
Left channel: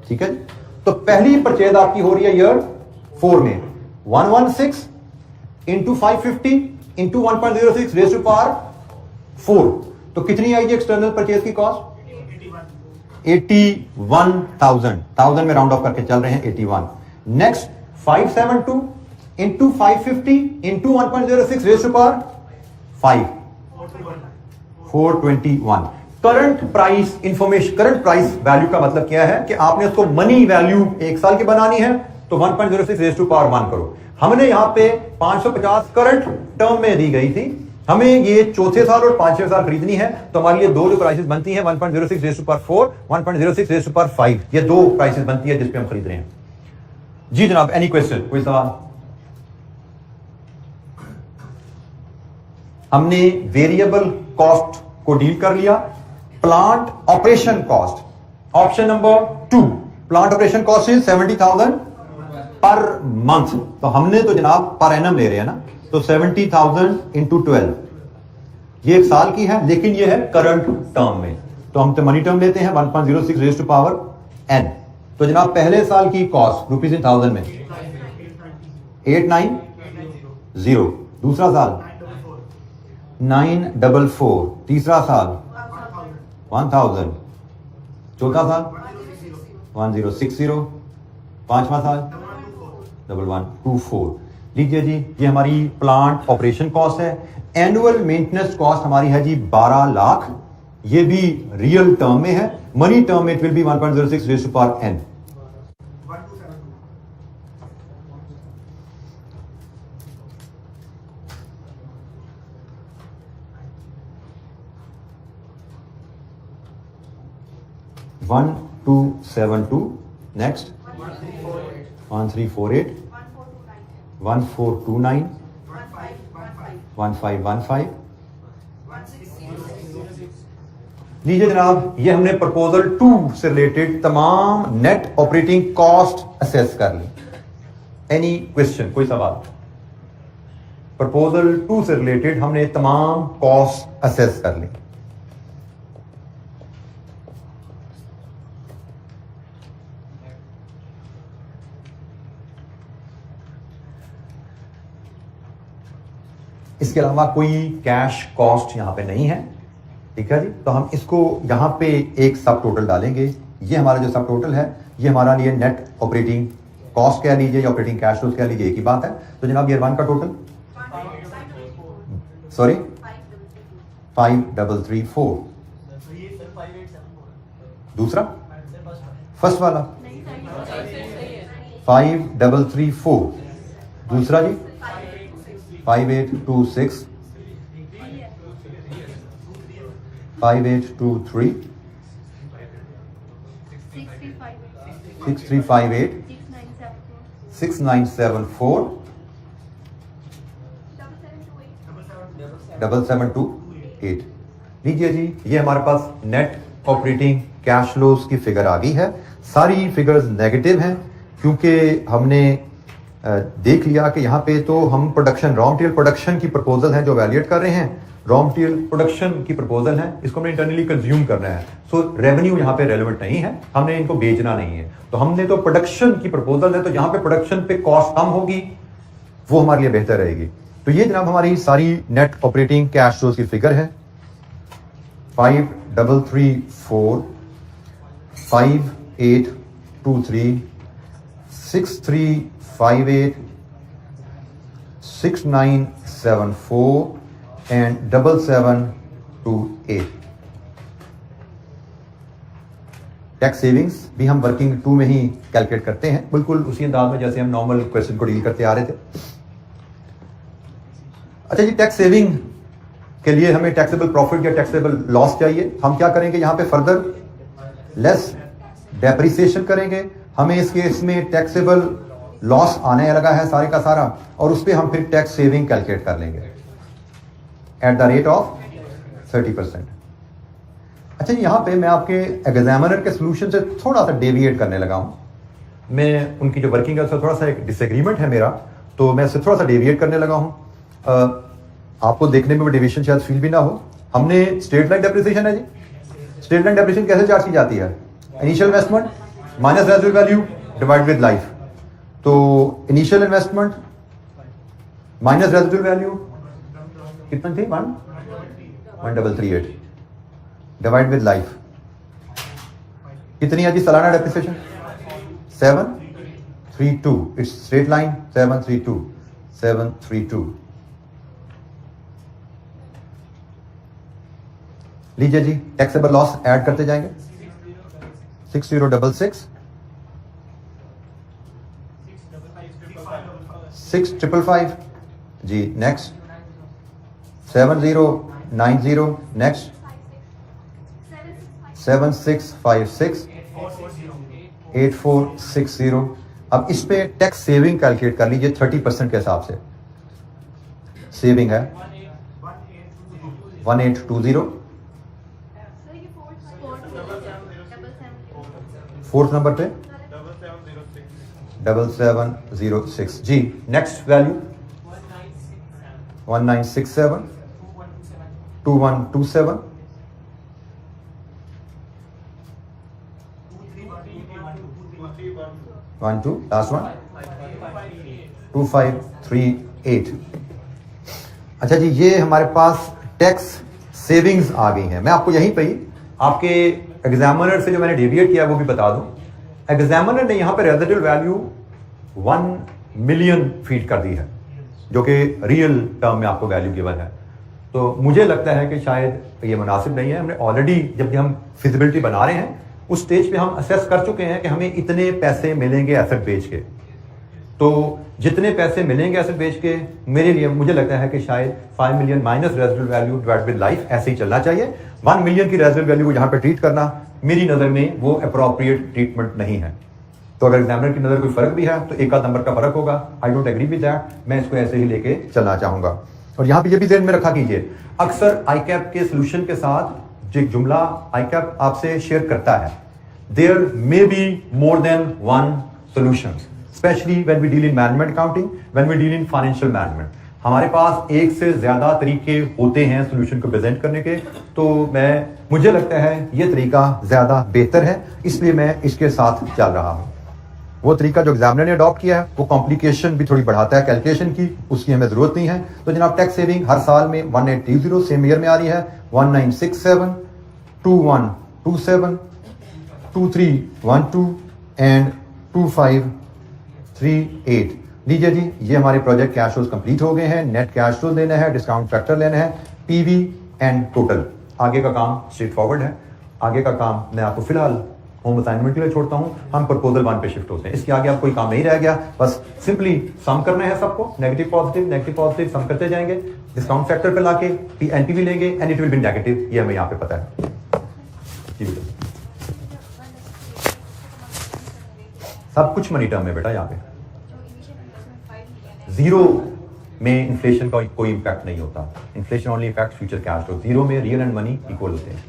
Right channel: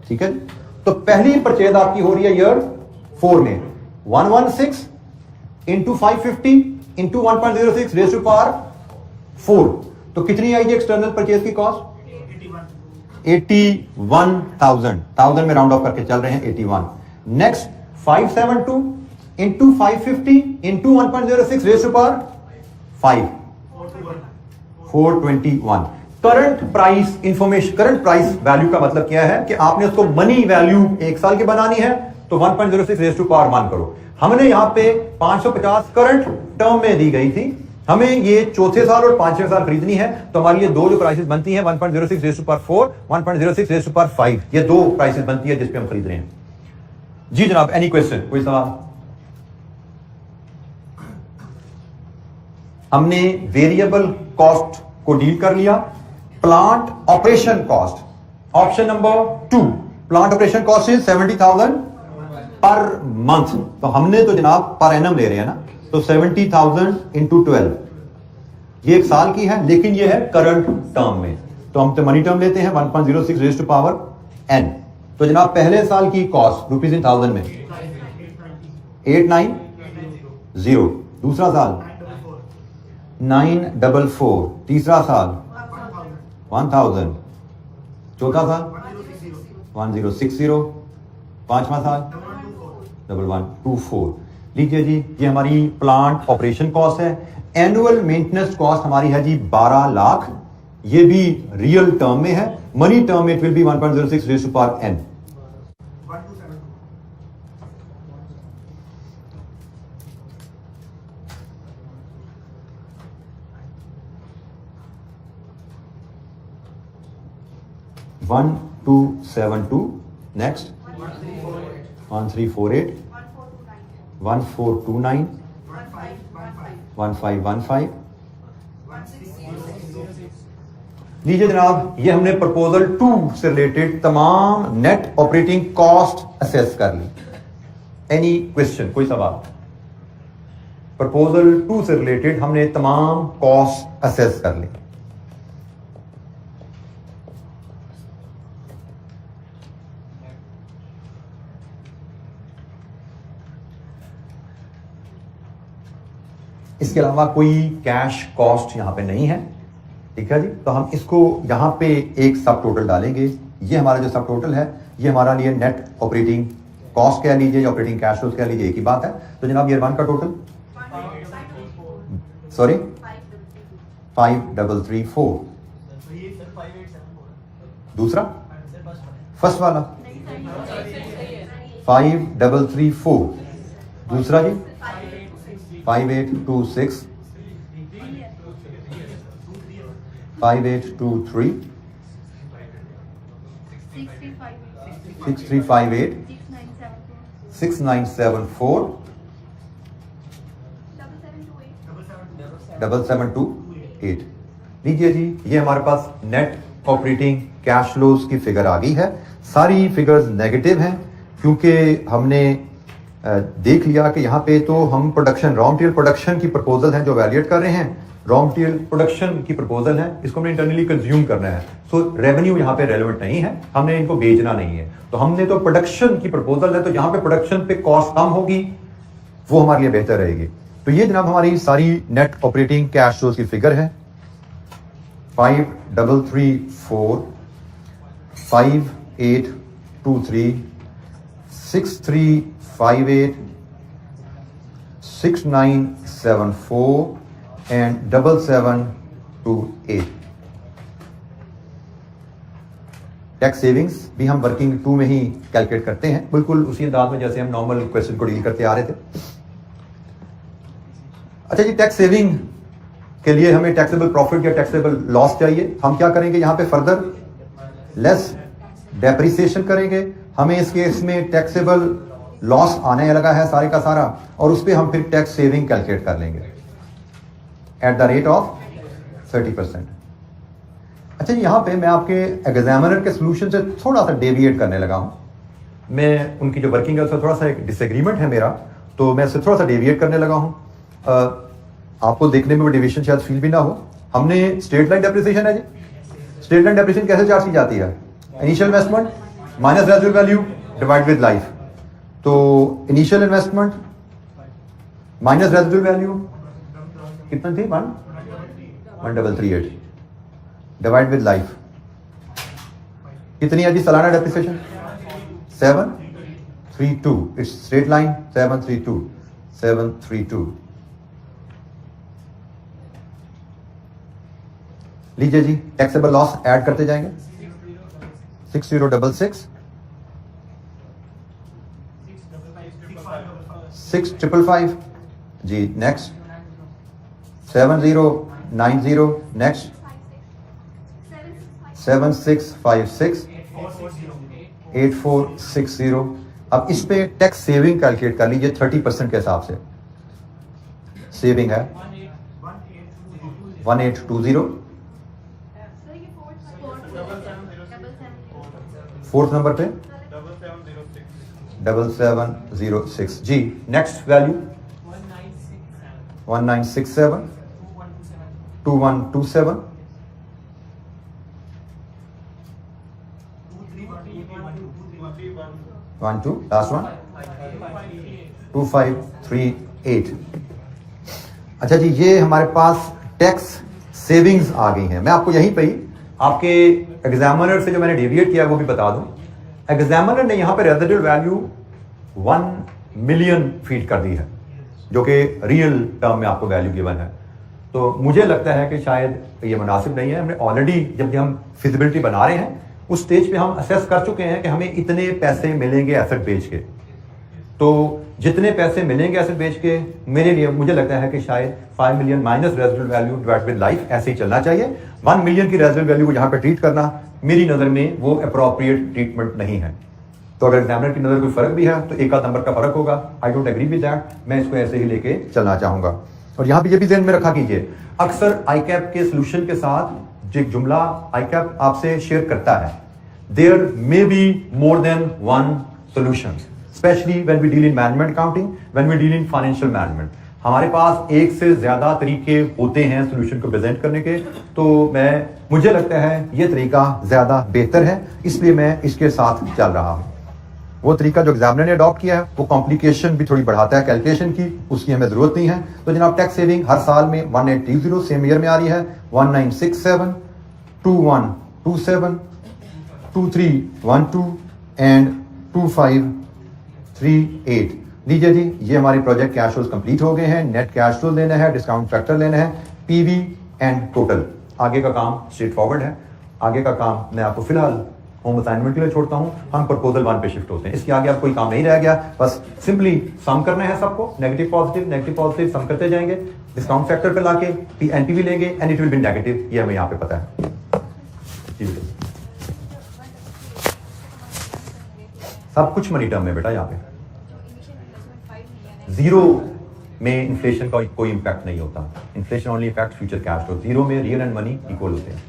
ठीक है, तो पहली परचेज आपकी हो रही है ईयर 4 में 116 into 550 into 1.06 raised to power 4। तो कितनी आएगी एक्सटर्नल परचेज की कॉस्ट? 81,000 में राउंड ऑफ करके चल रहे हैं 81। Next 572 into 550 into 1.06 raised to power 5 421। Current price information, current price value का मतलब क्या है कि आपने उसको मनी वैल्यू 1 साल की बनानी है तो 1.06 रेज़ टू पावर 1 करो। हमने यहां पे 550 करंट टर्म में दी गई थी, हमें ये चौथे साल और पांचवें साल खरीदनी है, तो हमारे लिए दो जो प्राइसेस बनती हैं 1.06 raise to power 4, 1.06 raise to power 5, ये दो प्राइसेस बनती है जिस पे हम खरीद रहे हैं। जी जनाब, एनी क्वेश्चन, कोई सवाल? हमने वेरिएबल कॉस्ट को डील कर लिया। Plant operation cost, option number 2, plant operation cost is 70,000 per month, तो हमने तो जनाब पर एनम ले रहे हैं ना, तो 70,000 इंटू 12, ये 1 साल की है, लेकिन ये है करंट टर्म में, तो हम तो मनी टर्म लेते हैं 1.06 रेज़ टू पावर n। तो जनाब पहले साल की कॉस्ट रुपीज इन थाउजेंड में 890, दूसरा साल 944, तीसरा साल 1000, चौथा साल 1060, पांचवा साल 1124। लीजिए जी, ये हमारी प्लांट ऑपरेशन कॉस्ट है। एनुअल मेंटेनेंस कॉस्ट हमारी है जी 12 लाख, ये भी रियल टर्म में है, मनी टर्म में it will be 1.06 raise to power n। One 272, next 1348, 1429, 1515। लीजिए जनाब, ये हमने प्रपोजल 2 से रिलेटेड तमाम नेट ऑपरेटिंग कॉस्ट असेस कर ली। एनी क्वेश्चन, कोई सवाल? प्रपोजल 2 से रिलेटेड हमने तमाम कॉस्ट असेस कर ली। इसके अलावा कोई कैश कॉस्ट यहां पे नहीं है, ठीक है जी। तो हम इसको यहां पे एक सब टोटल डालेंगे। ये हमारा जो सब टोटल है, ये हमारा लिए नेट ऑपरेटिंग कॉस्ट कह लीजिए या ऑपरेटिंग कैश फ्लो कह लीजिए, एक ही बात है। तो जनाब ईयर 1 का टोटल, सॉरी 5334, दूसरा फर्स्ट वाला 5334, दूसरा जी 5826, 5823, 6358, 6974, 7728। लीजिए जी, ये हमारे पास नेट ऑपरेटिंग कैश फ्लोज की फिगर आ गई है। सारी फिगर्स नेगेटिव हैं क्योंकि हमने देख लिया कि यहाँ पे तो हम प्रोडक्शन, रॉ मटेरियल प्रोडक्शन की प्रपोजल है जो वैल्यूएट कर रहे हैं, रॉ मटेरियल प्रोडक्शन की प्रपोजल है, इसको हमने इंटरनली कंज्यूम करना है। सो रेवेन्यू यहाँ पे रेलेवेंट नहीं है, हमने इनको बेचना नहीं है, तो हमने तो प्रोडक्शन की प्रपोजल है, तो जहां पे प्रोडक्शन पे कॉस्ट कम होगी वो हमारे लिए बेहतर रहेगी। तो ये जनाब हमारी सारी नेट ऑपरेटिंग कैश फ्लोज की फिगर है। 5334, 5823, 6358, 6974 and 7728। टैक्स सेविंग्स भी हम वर्किंग 2 में ही कैलकुलेट करते हैं, बिल्कुल उसी अंदाज में जैसे हम नॉर्मल क्वेश्चन को डील करते आ रहे थे। अच्छा जी, टैक्स सेविंग के लिए हमें टैक्सेबल प्रॉफिट या टैक्सेबल लॉस चाहिए। हम क्या करेंगे, यहां पे फर्दर लेस डेप्रिसिएशन करेंगे। हमें इस केस में टैक्सेबल लॉस आने लगा है सारे का सारा, और उस पर हम फिर टैक्स सेविंग कैलकुलेट कर लेंगे एट द रेट ऑफ 30%। अच्छा जी, यहां पे मैं आपके एग्जामिनर के सोल्यूशन से थोड़ा सा डेविएट करने लगा हूं। मैं उनकी जो वर्किंग है उससे थोड़ा सा एक डिसएग्रीमेंट है मेरा, तो मैं इससे थोड़ा सा डेविएट करने लगा हूं। आपको देखने में डेविएशन शायद फील भी ना हो। हमने स्ट्रेट लाइन डेप्रिसिएशन है जी, स्ट्रेट लाइन डेप्रिसिएशन कैसे चार्ज की जाती है? Initial investment minus residual value divide with life. तो initial investment minus residual value कितना थी? 1338 डिवाइड विद लाइफ कितनी है जी सालाना डेप्रिसिएशन? 732। It's straight line 732। लीजिए जी, टैक्सेबल लॉस ऐड करते जाएंगे। 6066 6555 जी, नेक्स्ट 7090 नेक्स्ट 7656 8460। अब इस पे टैक्स सेविंग कैलकुलेट कर लीजिए 30% के हिसाब से। सेविंग है 1820। फोर्थ नंबर पे 7706 जी। Next value 1967 2127 12 last one 2538। अच्छा जी, ये हमारे पास टैक्स सेविंग्स आ गई हैं। मैं आपको यहीं पे ही आपके एग्जामिनर से जो मैंने डेविएट किया वो भी बता दूं। एग्जामिनर ने यहां पे रेजिडुअल वैल्यू 1 मिलियन फीट कर दी है, जो कि रियल टर्म में आपको वैल्यू गिवन है। तो मुझे लगता है कि शायद ये मुनासिब नहीं है। हमने ऑलरेडी जब हम फिजिबिलिटी बना रहे हैं उस स्टेज पे हम असेस कर चुके हैं कि हमें इतने पैसे मिलेंगे एसेट बेच के। तो जितने पैसे मिलेंगे एसेट बेच के, मेरे लिए मुझे लगता है कि शायद 5 million minus residual value divide with life ऐसे ही चलना चाहिए। 1 मिलियन की रेजिडुअल वैल्यू को यहाँ पे ट्रीट करना मेरी नजर में वो अप्रोप्रिएट ट्रीटमेंट नहीं है। तो अगर एग्जामिनर की नजर कोई फर्क भी है तो एक आध नंबर का फर्क होगा। I don't agree with that. मैं इसको ऐसे ही लेके चलना चाहूंगा। और यहाँ पे ये भी ध्यान में रखा कीजिए, अक्सर आईकैप के सोल्यूशन के साथ जो जुमला आईकैप आपसे शेयर करता है, there may be more than one solution, specially when we deal in management accounting, when we deal in financial management. हमारे पास एक से ज्यादा तरीके होते हैं सोल्यूशन को प्रेजेंट करने के। तो मुझे लगता है ये तरीका ज्यादा बेहतर है, इसलिए मैं इसके साथ चल रहा हूं। वो तरीका जो एग्जामिनर ने अडॉप्ट किया है वो कॉम्प्लिकेशन भी थोड़ी बढ़ाता है कैलकुलेशन की, उसकी हमें जरूरत नहीं है। तो जनाब, टैक्स सेविंग हर साल में 1830 सेम ईयर में आ रही है, 1967 2127 2312 एंड 2538। लीजिए जी, ये हमारे प्रोजेक्ट कैश फ्लोज कंप्लीट हो गए हैं। नेट कैश फ्लो लेना है, डिस्काउंट फैक्टर लेना है, पीवी एंड टोटल। आगे का काम स्ट्रेट फॉरवर्ड है। आगे का काम मैं आपको फिलहाल होम असाइनमेंट के लिए छोड़ता हूं। हम प्रपोजल 1 पे शिफ्ट होते हैं। इसके आगे अब कोई काम नहीं रह गया, बस सिंपली सम करना है सबको। नेगेटिव पॉजिटिव सम करते जाएंगे, डिस्काउंट फैक्टर पे लाके एनपीवी लेंगे and it will B negative. ये हमें यहाँ पे पता है। सब कुछ मनी टर्म में बेटा। यहाँ पे जीरो में इन्फ्लेशन का कोई इंपैक्ट नहीं होता। Inflation only effect future cash flow. Zero में रियल एंड मनी इक्वल होते हैं।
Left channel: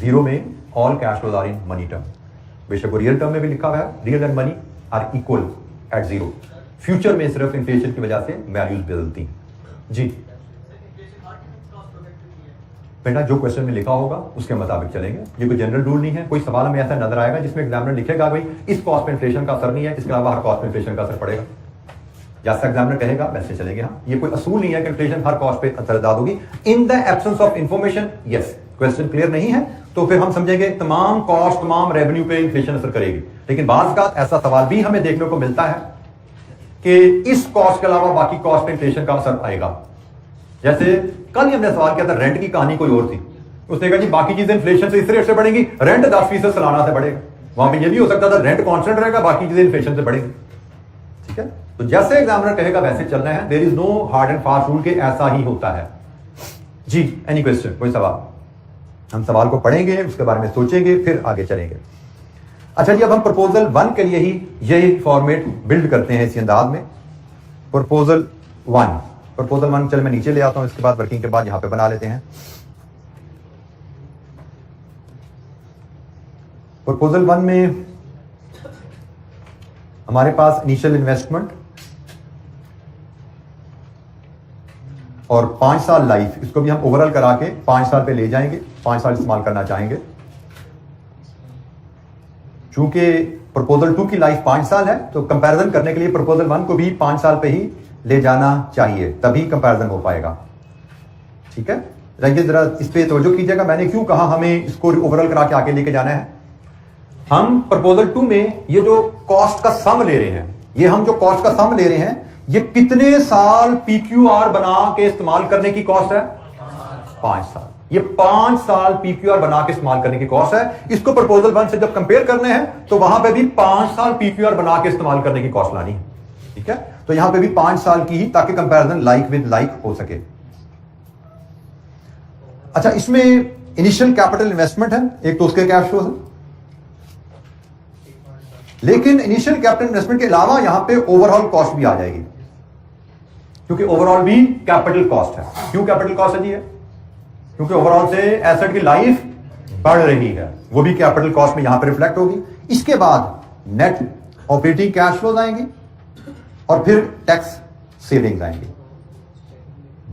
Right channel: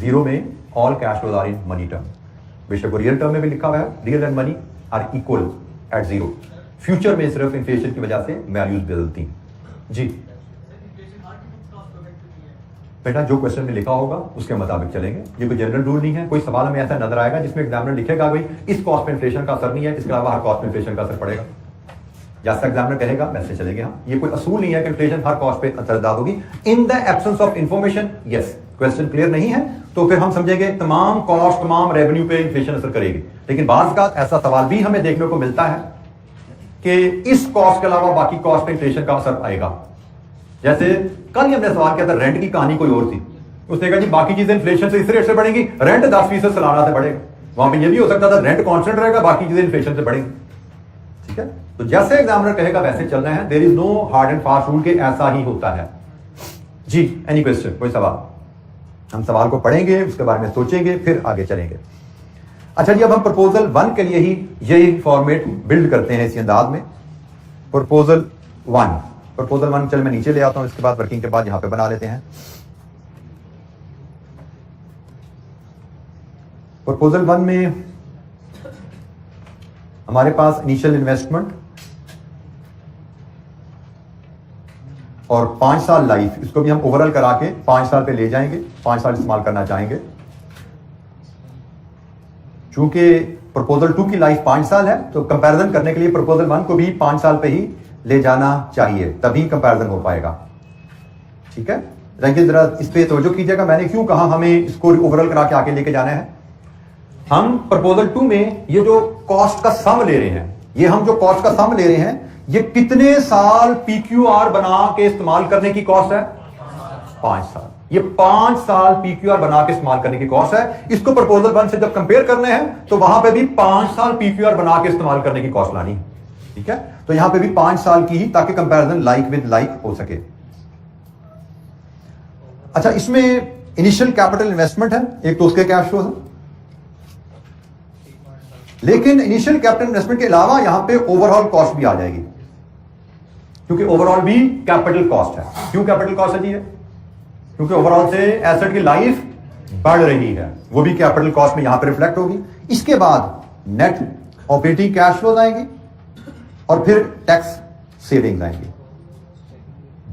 जीरो में all cash flows are in money term. बेशक वो रियल टर्म में भी लिखा हुआ है, real and money are equal at zero. Future में सिर्फ इन्फ्लेशन की वजह से वैल्यूज बदलती हैं। जी बेटा, जो क्वेश्चन में लिखा होगा उसके मुताबिक चलेंगे। ये कोई जनरल रूल नहीं है। कोई सवाल हमें ऐसा नजर आएगा जिसमें एग्जामिनर लिखेगा भाई इस कॉस्ट पे इन्फ्लेशन का असर नहीं है, इसके अलावा हर कॉस्ट पे इन्फ्लेशन का असर पड़ेगा, जैसा एग्जामिनर कहेगा वैसे चलेंगे हम। ये कोई असूल नहीं है कि इन्फ्लेशन हर कॉस्ट पे असरदार होगी। In the absence of information, yes, question clear नहीं है तो फिर हम समझेंगे तमाम कॉस्ट तमाम रेवेन्यू पे इन्फ्लेशन असर करेगी। लेकिन बाज़ का ऐसा सवाल भी हमें देखने को मिलता है कि इस कॉस्ट के अलावा बाकी कॉस्ट पे इन्फ्लेशन का असर आएगा। जैसे कल ही हमने सवाल किया था, रेंट की कहानी कोई और थी। उसने कहा जी बाकी चीजें इन्फ्लेशन से इस रेट से बढ़ेंगी, रेंट 10% सालाना से बढ़ेगा। वहां पे ये भी हो सकता था रेंट कांस्टेंट रहेगा, बाकी चीजें इन्फ्लेशन से बढ़ेगी। ठीक है, तो जैसे एग्जामिनर कहेगा वैसे चलना है। There is no hard and fast rule के ऐसा ही होता है। जी, एनी क्वेश्चन, कोई सवाल? हम सवाल को पढ़ेंगे, उसके बारे में सोचेंगे, फिर आगे चलेंगे। अच्छा जी, अब हम प्रपोजल 1 के लिए ही यही फॉर्मेट बिल्ड करते हैं इसी अंदाज में। प्रपोजल 1 चल मैं नीचे ले आता हूं, इसके बाद वर्किंग के बाद यहां पे बना लेते हैं। प्रपोजल 1 में हमारे पास इनिशियल इन्वेस्टमेंट और 5 साल लाइफ, इसको भी हम ओवरऑल करा के 5 साल पे ले जाएंगे, 5 साल इस्तेमाल करना चाहेंगे। चूंकि प्रपोजल 2 की लाइफ 5 साल है तो कंपैरिजन करने के लिए प्रपोजल 1 को भी 5 साल पे ही ले जाना चाहिए, तभी कंपैरिजन हो पाएगा। ठीक है, रंगे जरा इस पे तवज्जो कीजिएगा। मैंने क्यों कहा हमें इसको ओवरऑल करा के आगे लेके जाना है। हम प्रपोजल 2 में ये जो कॉस्ट का सम ले रहे हैं, ये हम जो कॉस्ट का सम ले रहे हैं, ये कितने साल पीक्यूआर बना के इस्तेमाल करने की कॉस्ट है? 5 साल। ये 5 साल पीक्यूआर बना के इस्तेमाल करने की कॉस्ट है। इसको प्रपोजल 1 से जब कंपेयर करने हैं तो वहां पे भी 5 साल पीक्यूआर बना के इस्तेमाल करने की कॉस्ट लानी है, ठीक है। तो यहां पे भी 5 साल की ही, ताकि कंपैरिजन लाइक विद लाइक हो सके। अच्छा, इसमें इनिशियल कैपिटल इन्वेस्टमेंट है एक, तो उसके कैश फ्लो है, लेकिन इनिशियल कैपिटल इन्वेस्टमेंट के अलावा यहां पे ओवरऑल कॉस्ट भी आ जाएगी, क्योंकि ओवरऑल भी कैपिटल कॉस्ट है। क्यों कैपिटल कॉस्ट है जी? क्योंकि ओवरऑल से एसेट की लाइफ बढ़ रही है, वो भी कैपिटल कॉस्ट में यहां पर रिफ्लेक्ट होगी। इसके बाद नेट ऑपरेटिंग कैश फ्लोज आएंगे और फिर टैक्स सेविंग्स आएंगे।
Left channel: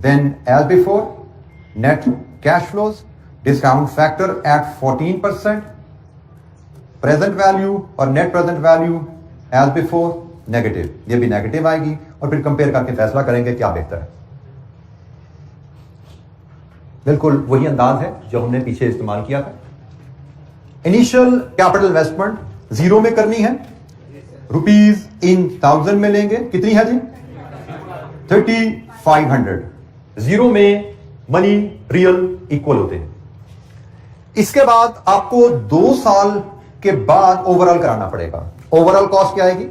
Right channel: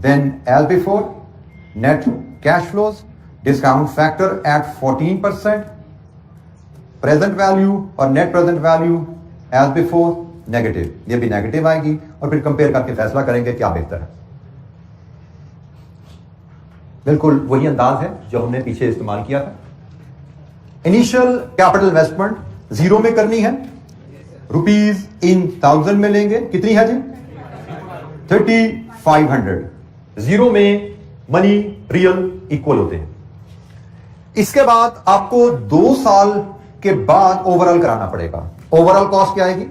Then as before net cash flows, discount factor at 14%, present value और net present value as before negative, ये भी नेगेटिव आएगी, और फिर कंपेयर करके फैसला करेंगे क्या बेहतर है। बिल्कुल वही अंदाज है जो हमने पीछे इस्तेमाल किया था। इनिशियल कैपिटल इन्वेस्टमेंट 0 में करनी है, रुपीज इन 1000 में लेंगे, कितनी है जी? 3500। 0 में मनी रियल इक्वल होते हैं। इसके बाद आपको 2 साल के बाद ओवरऑल कराना पड़ेगा। ओवरऑल कॉस्ट क्या आएगी?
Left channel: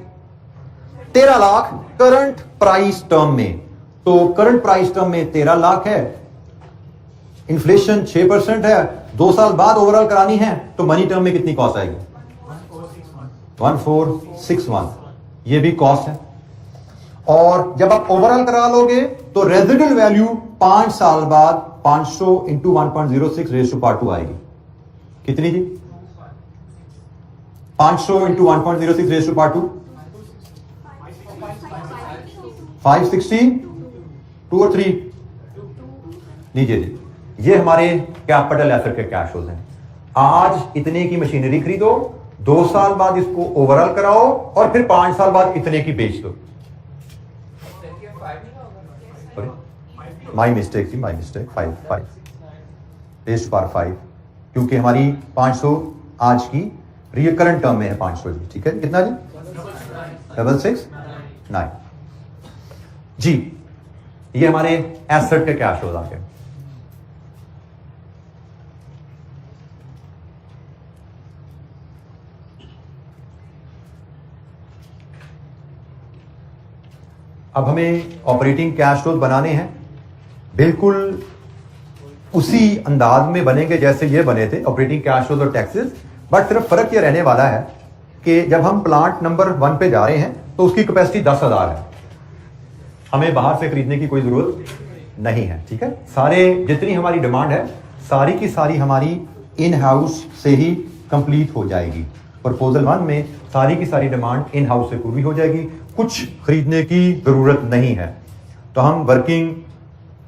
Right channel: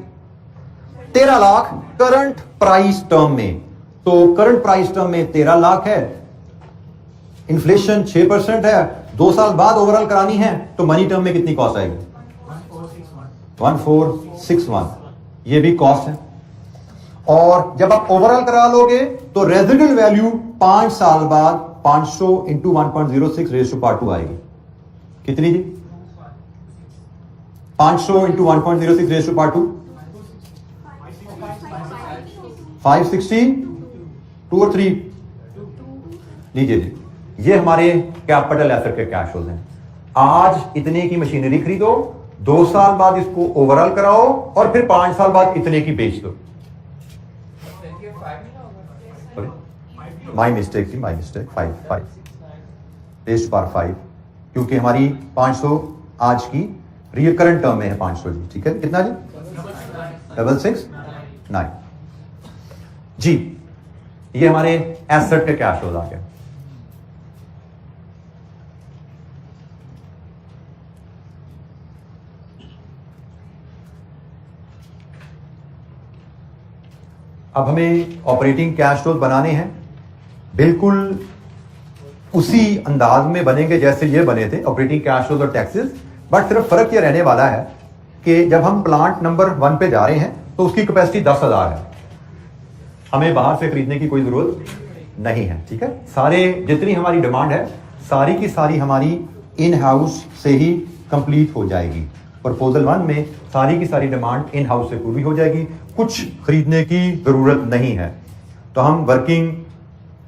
13 लाख करंट प्राइस टर्म में। तो करंट प्राइस टर्म में 13 लाख है, इन्फ्लेशन 6% है, 2 साल बाद ओवरऑल करानी है, तो मनी टर्म में कितनी कॉस्ट आएगी? 1461। ये भी कॉस्ट है। और जब आप ओवरऑल करा लोगे तो रेजिडुअल वैल्यू 5 साल बाद 500 इंटू 1.06 रेज़ टू पावर 2 आएगी। कितनी जी? 500 इंटू 1.06 रेज़ टू पावर 2, 560, 2 और 3 लीजिए जी। ये हमारे कैपिटल एसेट के कैश फ्लोज हैं। आज इतने की मशीनरी खरीदो, 2 साल बाद इसको ओवरऑल कराओ, और फिर 5 साल बाद इतने की बेच दो। माई मिस्टेक थी, my mistake. 5 raise to power 5, क्योंकि हमारी 500 आज की रियल करंट टर्म में है 500 जी, ठीक है। कितना जी? 669 जी। ये हमारे एसेट के कैश फ्लोज आ गए। अब हमें ऑपरेटिंग कैश फ्लोज बनाने हैं, बिल्कुल उसी अंदाज में बनेंगे जैसे ये बने थे ऑपरेटिंग कैश फ्लोज और टैक्सेस। बट सिर्फ फर्क ये रहने वाला है कि जब हम प्लांट नंबर 1 पे जा रहे हैं तो उसकी कैपेसिटी 10,000 है, हमें बाहर से खरीदने की कोई जरूरत नहीं है, ठीक है। सारे जितनी हमारी डिमांड है सारी की सारी हमारी इन हाउस से ही कंप्लीट हो जाएगी। प्रपोजल 1 में सारी की सारी डिमांड इन हाउस से पूरी हो जाएगी, कुछ खरीदने की जरूरत नहीं है। तो हम वर्किंग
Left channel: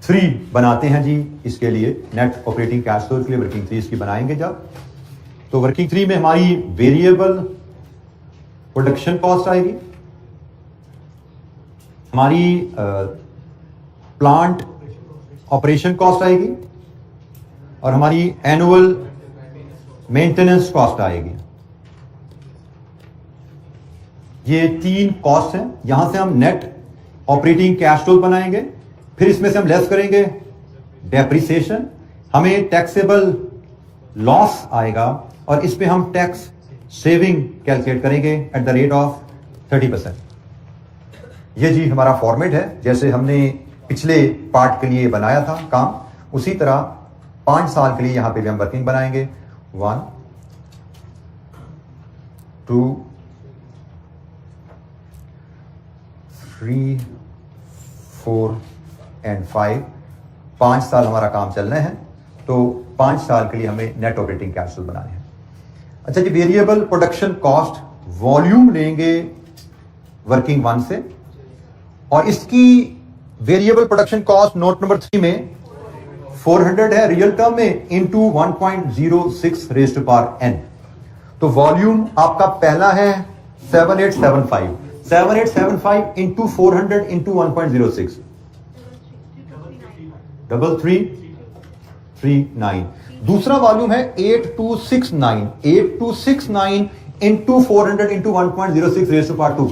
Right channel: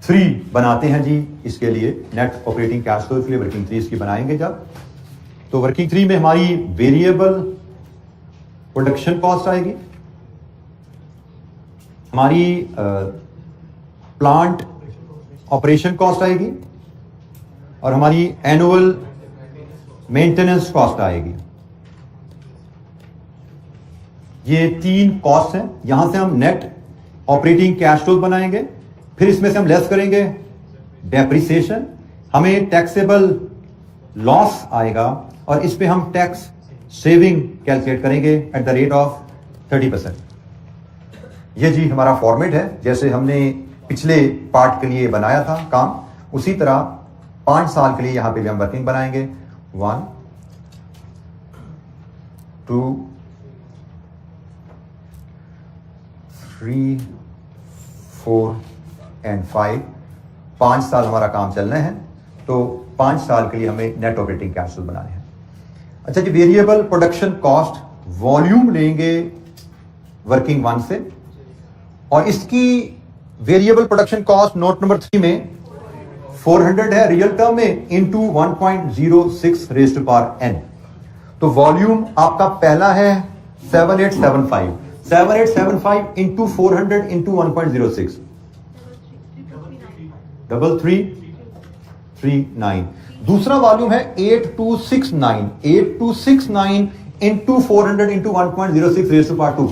3 बनाते हैं जी। इसके लिए नेट ऑपरेटिंग कैश फ्लो के लिए वर्किंग 3 इसकी बनाएंगे जब, तो वर्किंग 3 में हमारी वेरिएबल प्रोडक्शन कॉस्ट आएगी, हमारी प्लांट ऑपरेशन कॉस्ट आएगी, और हमारी एनुअल मेंटेनेंस कॉस्ट आएगी। ये 3 कॉस्ट हैं। यहां से हम नेट ऑपरेटिंग कैश फ्लो बनाएंगे, फिर इसमें से हम लेस करेंगे डेप्रिसिएशन, हमें टैक्सेबल लॉस आएगा, और इस पे हम टैक्स सेविंग कैलकुलेट करेंगे एट द रेट ऑफ 30%। ये जी हमारा फॉर्मेट है जैसे हमने पिछले पार्ट के लिए बनाया था काम, उसी तरह 5 साल के लिए यहां पे भी हम वर्किंग बनाएंगे। 1, 2, 3, 4 एंड 5। 5 साल हमारा काम चलना है, तो 5 साल के लिए हमें नेट ऑपरेटिंग कैश फ्लो बनाने हैं। अच्छा जी, वेरिएबल प्रोडक्शन कॉस्ट वॉल्यूम लेंगे वर्किंग 1 से, और इसकी variable production cost note number 3 में 400 है रियल टर्म में, into 1.06 raise to power n। तो वॉल्यूम आपका पहला है 7875 इंटू 400 इंटू 1.06, 3339। दूसरा वॉल्यूम है 8269 into 400 into 1.06 raise to power 2,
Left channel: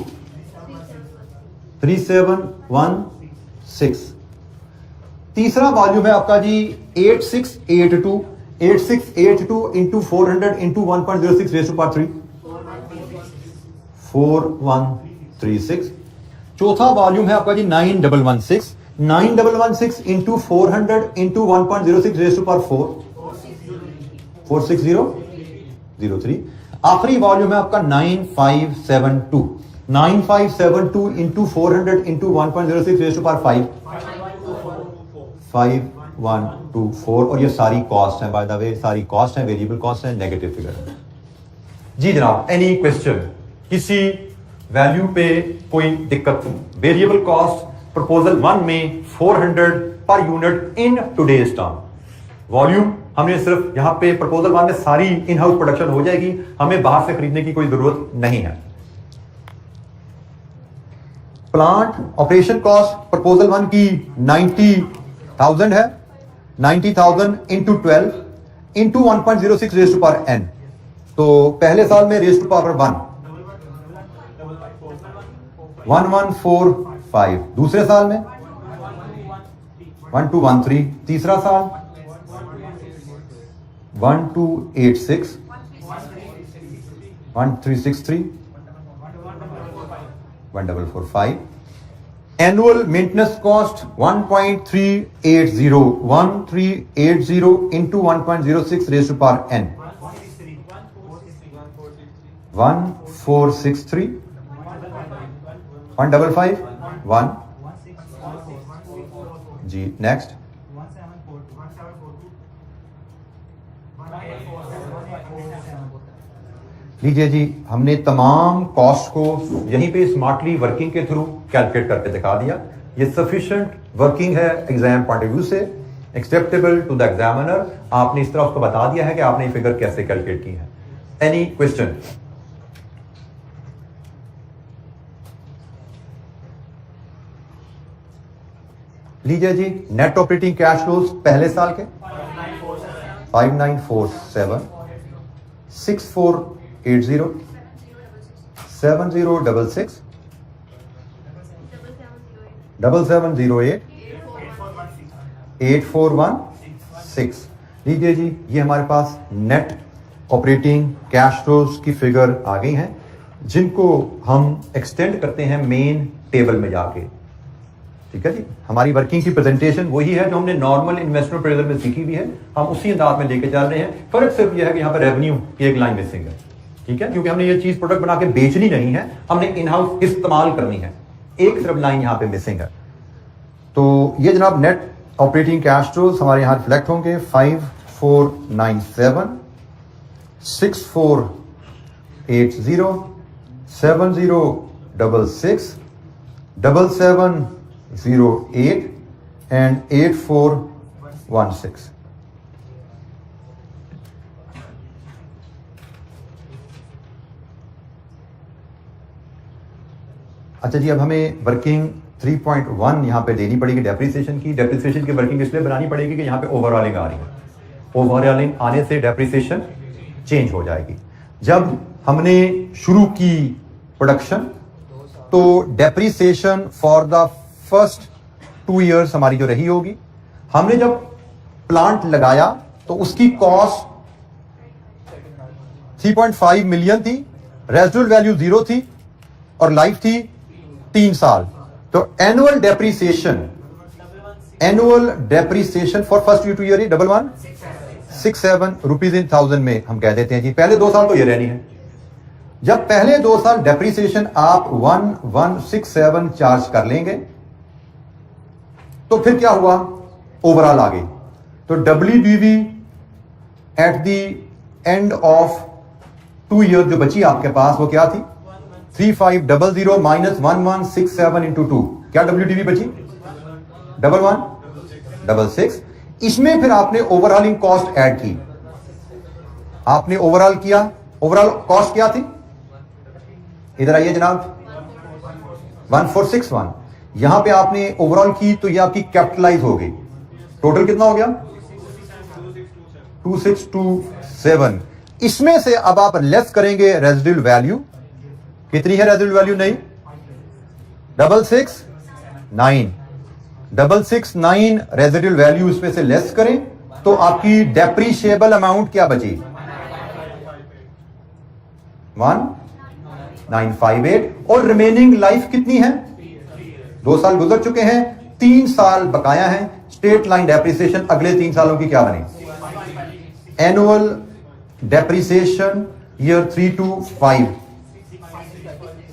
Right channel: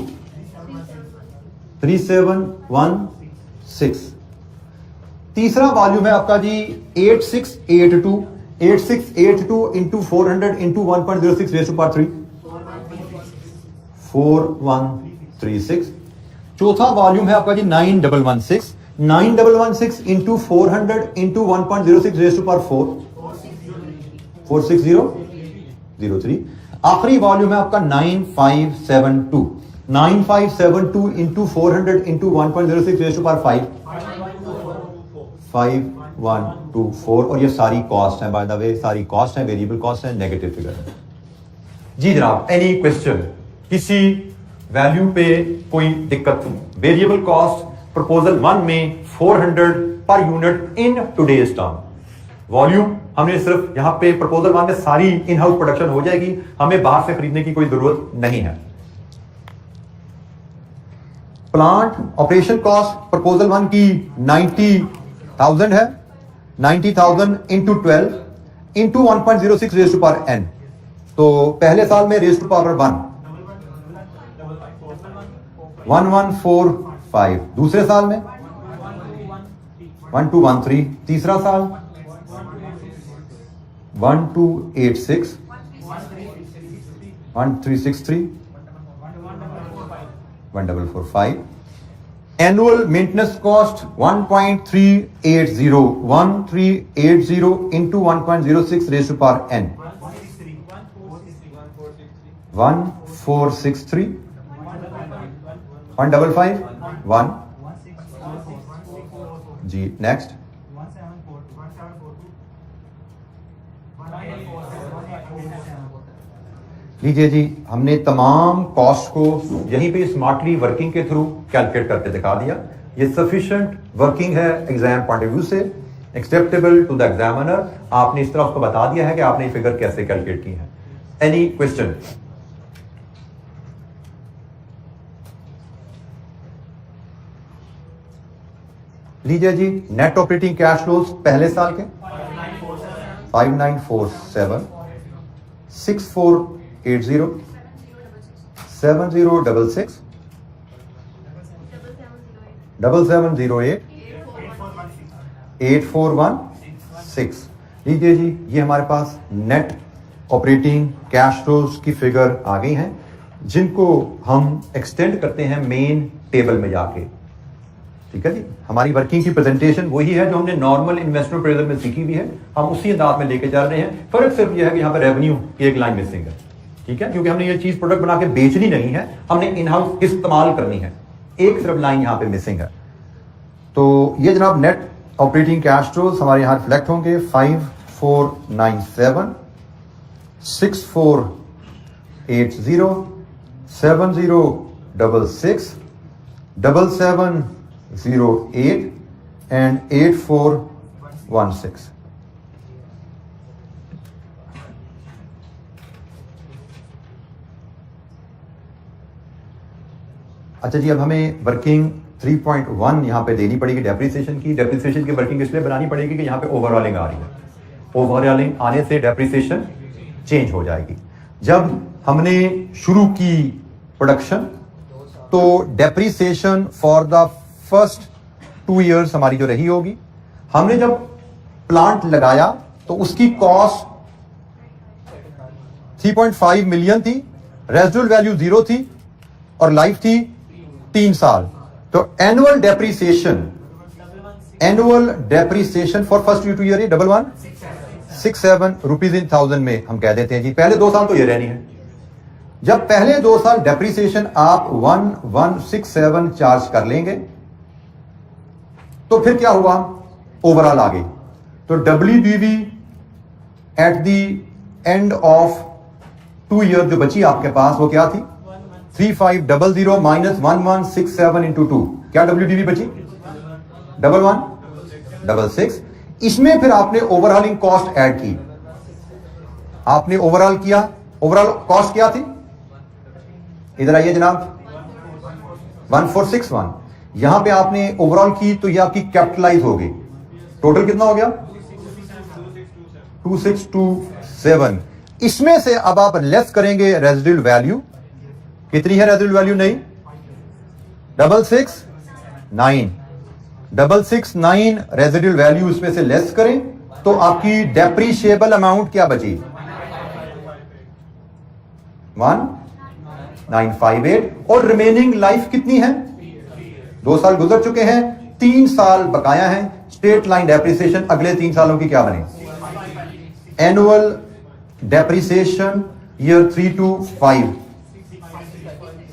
3716। तीसरा वॉल्यूम है आपका जी 8682 into 400 into 1.06 raise to power 3 4136। चौथा वॉल्यूम है आपका जी 9116 into 400 into 1.06 raise to power 4 46003। आखिरी वॉल्यूम है आपका 9572 into 400 into 1.06 raise to power 5124। और ये सारी कॉस्ट है, बाय द वे सारी कॉस्ट है, वेरिएबल कॉस्ट है, नेगेटिव फिगर है जी जनाब। Any question? किसी वैल्यू पे कोई दिक्कत? वेरिएबल कॉस्ट प्रपोजल 1 में 400 per unit in today's term. Volume हमने सिर्फ यहां पे प्रपोजल 1 में सारी इन हाउस प्रोडक्शन हो जाएगी, हमें बाहर से खरीदने की कोई जरूरत नहीं है। प्लांट ऑपरेशन कॉस्ट प्रपोजल 1 की 90,000 है। 90,000 into 12 into 1.06 raise to power n। तो पहले साल में रेज़ टू पावर 1 1145, दूसरे साल में 1213, तीसरा साल 1286 1363 1445। Annual maintenance cost 1380 into 1.06 raise to power n 1463 155 जी। नेक्स्ट लीजिए जी, हमने तमाम कॉस्ट को यहीं पे स्मार्टली वर्किंग के थ्रू कैलकुलेट करके दिखा दिया। ये सफिशिएंट वर्किंग है एग्जाम पॉइंट ऑफ व्यू से, एक्सेप्टेबल टू द एग्जामिनर। आपने इस तरह उसको बता दिया है कि आपने फिगर कैसे कैलकुलेट की है। Any question? लीजिए जी, नेट ऑपरेटिंग कैश फ्लोज पहले साल के 5947 6480 7066 7708 8416। लीजिए जी, ये हमारे पास नेट ऑपरेटिंग कैश फ्लोज की फिगर आ गई हैं, जिनको हम एक्सटेंड करते हैं मेन टेबल में जाके। ठीक है जी, हमारी वर्किंग की प्रेजेंटेशन वही है जो हमने नॉर्मल इन्वेस्टमेंट अप्रेजल में सीखी हुई है, हम उसी अंदाज में लेके चल रहे हैं। फर्क सिर्फ यह है कि यहाँ पे रेवेन्यू की एक लाइन मिसिंग है। ठीक है, क्योंकि हमने ये चीज प्रोडक्ट बना के बेचनी नहीं है, हमने इन हाउस इस्तेमाल करनी है। एक सिर्फ लाइन यहाँ पे मिसिंग है। तो ये जनाब नेट ऑपरेटिंग कैश फ्लोज हमारे यहाँ रिफ्लेक्ट होंगे 5497 6480 7066 7708 and 8416। अच्छा जी, अब हमें वर्किंग 3.1 यहां पे देनी पड़ेगी डेप्रिसिएशन की। डेप्रिसिएशन की वर्किंग इसलिए बनानी पड़ेगी कि यहां पे ओवरऑलिंग आ रही है। ओवरऑलिंग आने से डेप्रिसिएशन चेंज हो जाएगी। जब हमने शुरू की प्रोडक्शन तो depreciation for the first 2 years हमारी जो रही होगी, हमने जब प्लांट लगाया तो उसकी कॉस्ट 3.5 मिलियन थी, रेजिडुअल वैल्यू 0 थी और लाइफ थी 3 साल। तो annual depreciation for first 2 year 1167 rupees in 1000 में हम कह देते हैं जी। पहले 2 साल तो ये रहनी है। जब पहले 2 साल डेप्रिसिएशन आप 1167 चार्ज कर लेंगे तो फिर क्या हुआ, ओवरऑल आ गई। तो WDV eight the end of 2 year जो बची आपके पास वो क्या थी, 3500 माइनस 1167 इंटू 2, क्या WDV बची 1166। इसमें फिर आपने ओवरऑलिंग कॉस्ट ऐड की, आपने ओवरऑल किया। ओवरऑल कॉस्ट क्या थी, इधर आइए जनाब, 1461। यहां पे आपने ओवरऑल की तो ये आपकी कैपिटलाइज हो गई। टोटल कितना हो गया 2627। इसमें से अब आप लेस करेंगे रेजिडुअल वैल्यू। कितनी है रेजिडुअल वैल्यू? नहीं 669। 669 रेजिडुअल वैल्यू इसमें से लेस करें तो आपकी डेप्रीशिएबल अमाउंट क्या बची? 1958। और रिमेनिंग लाइफ कितनी है? 2 साल गुजर चुके हैं, 3 साल बकाया है। स्ट्रेट लाइन डेप्रिसिएशन अगले 3 सालों की क्या बने? Annual depreciation year 3 to 5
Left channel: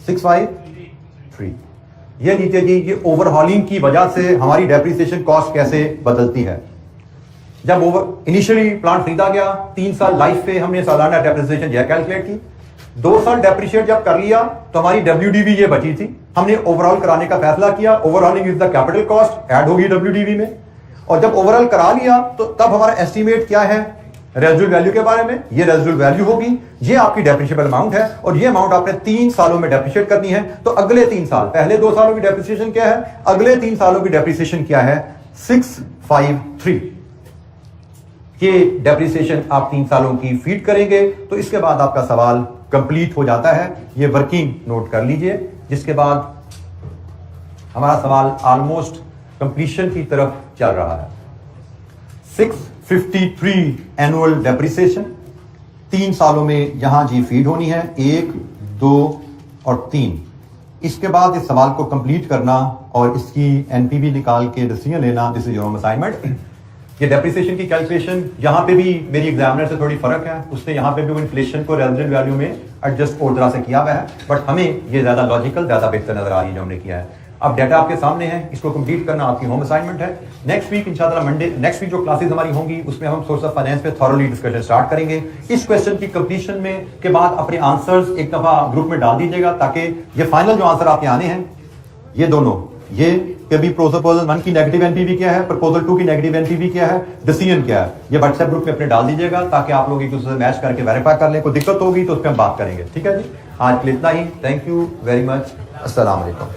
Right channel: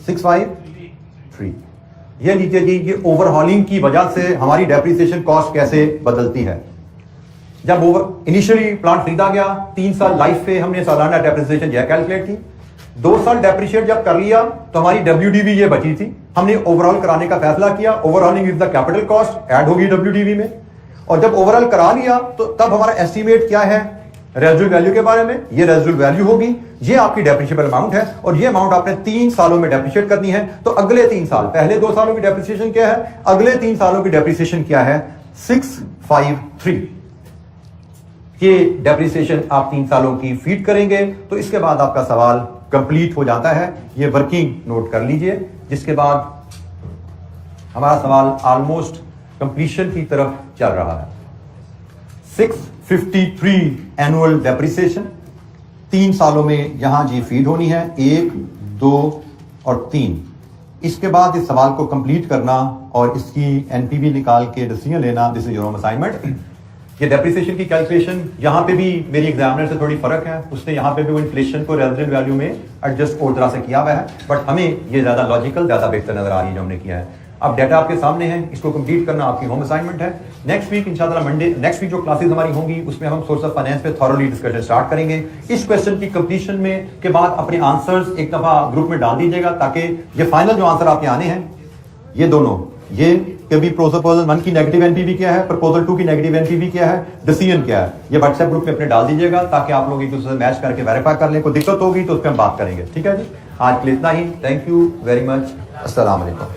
653। ये लीजिए जी, ये ओवरहॉलिंग की वजह से हमारी डेप्रिसिएशन कॉस्ट कैसे बदलती है। जब इनिशियली प्लांट खरीदा गया, 3 साल लाइफ पे हमने सालाना डेप्रिसिएशन यह कैलकुलेट की। 2 साल डेप्रिशिएट जब कर लिया तो हमारी WDV ये बची थी। हमने ओवरऑल कराने का फैसला किया। Overhauling is the capital cost, add होगी WDV में। और जब ओवरऑल करा लिया तो तब हमारा एस्टिमेट क्या है रेजिडुअल वैल्यू के बारे में? ये रेजिडुअल वैल्यू होगी, ये आपकी डेप्रिशिएबल अमाउंट है और ये अमाउंट आपने 3 सालों में डेप्रिशिएट करनी है। तो अगले 3 साल, पहले 2 सालों की डेप्रिसिएशन क्या है, अगले 3 सालों की डेप्रिसिएशन क्या है? 653। ये डेप्रिसिएशन आप 3 सालों की फीड करेंगे तो इसके बाद आपका सवाल कंप्लीट हो जाता है। ये वर्किंग नोट कर लीजिए, जिसके बाद हमारा सवाल ऑलमोस्ट कंप्लीशन की तरफ चल रहा है। 653 एनुअल डेप्रिसिएशन 3 सालों में यहां जी फीड होनी है, 1, 2 और 3। इसके बाद इस सवाल को कंप्लीट करना और इसकी NPV निकाल के डिसीजन लेना, this is your home assignment. ये डेप्रिसिएशन की कैलकुलेशन यहां पे भी मेरी एग्जामिनर से थोड़ी फर्क है। उसने यहां पे भी वो इन्फ्लेशन को रेजिडेंट वैल्यू में एडजस्ट और तरह से किया हुआ है, बट हमें ये ज्यादा लॉजिकल, ज्यादा बेहतर नजर आ रही है जो हमने किया है। अब डाटा आपके सामने है, इसको कंप्लीट करना आपकी होम असाइनमेंट है। नेक्स्ट वीक इंशाल्लाह मंडे, नेक्स्ट वीक जो क्लासेस हमारी होंगी उसमें हम सोर्स ऑफ फाइनेंस पे थॉरोली डिस्कशन स्टार्ट करेंगे। इस क्वेश्चन की कंप्लीशन में के बाद अपने आंसर्स एक दफा ग्रुप में डाल दीजिएगा, ताकि ये फाइनल जो आंसर आपके आने हैं ये दोनों, ये कभी प्रपोजल 1 की नेगेटिव NPV क्या है, प्रपोजल 2 की नेगेटिव NPV क्या है, डिसीजन क्या है, ये व्हाट्सएप ग्रुप में अपने डाल दीजिएगा ताकि आप लोग एक दूसरे से मैच करके वेरीफाई कर लें। कोई दिक्कत होगी तो उस पर हम बात करेंगे। ठीक है जी, आज के लिए इतना ही। Thank you very much. अस्सलाम वालेकुम।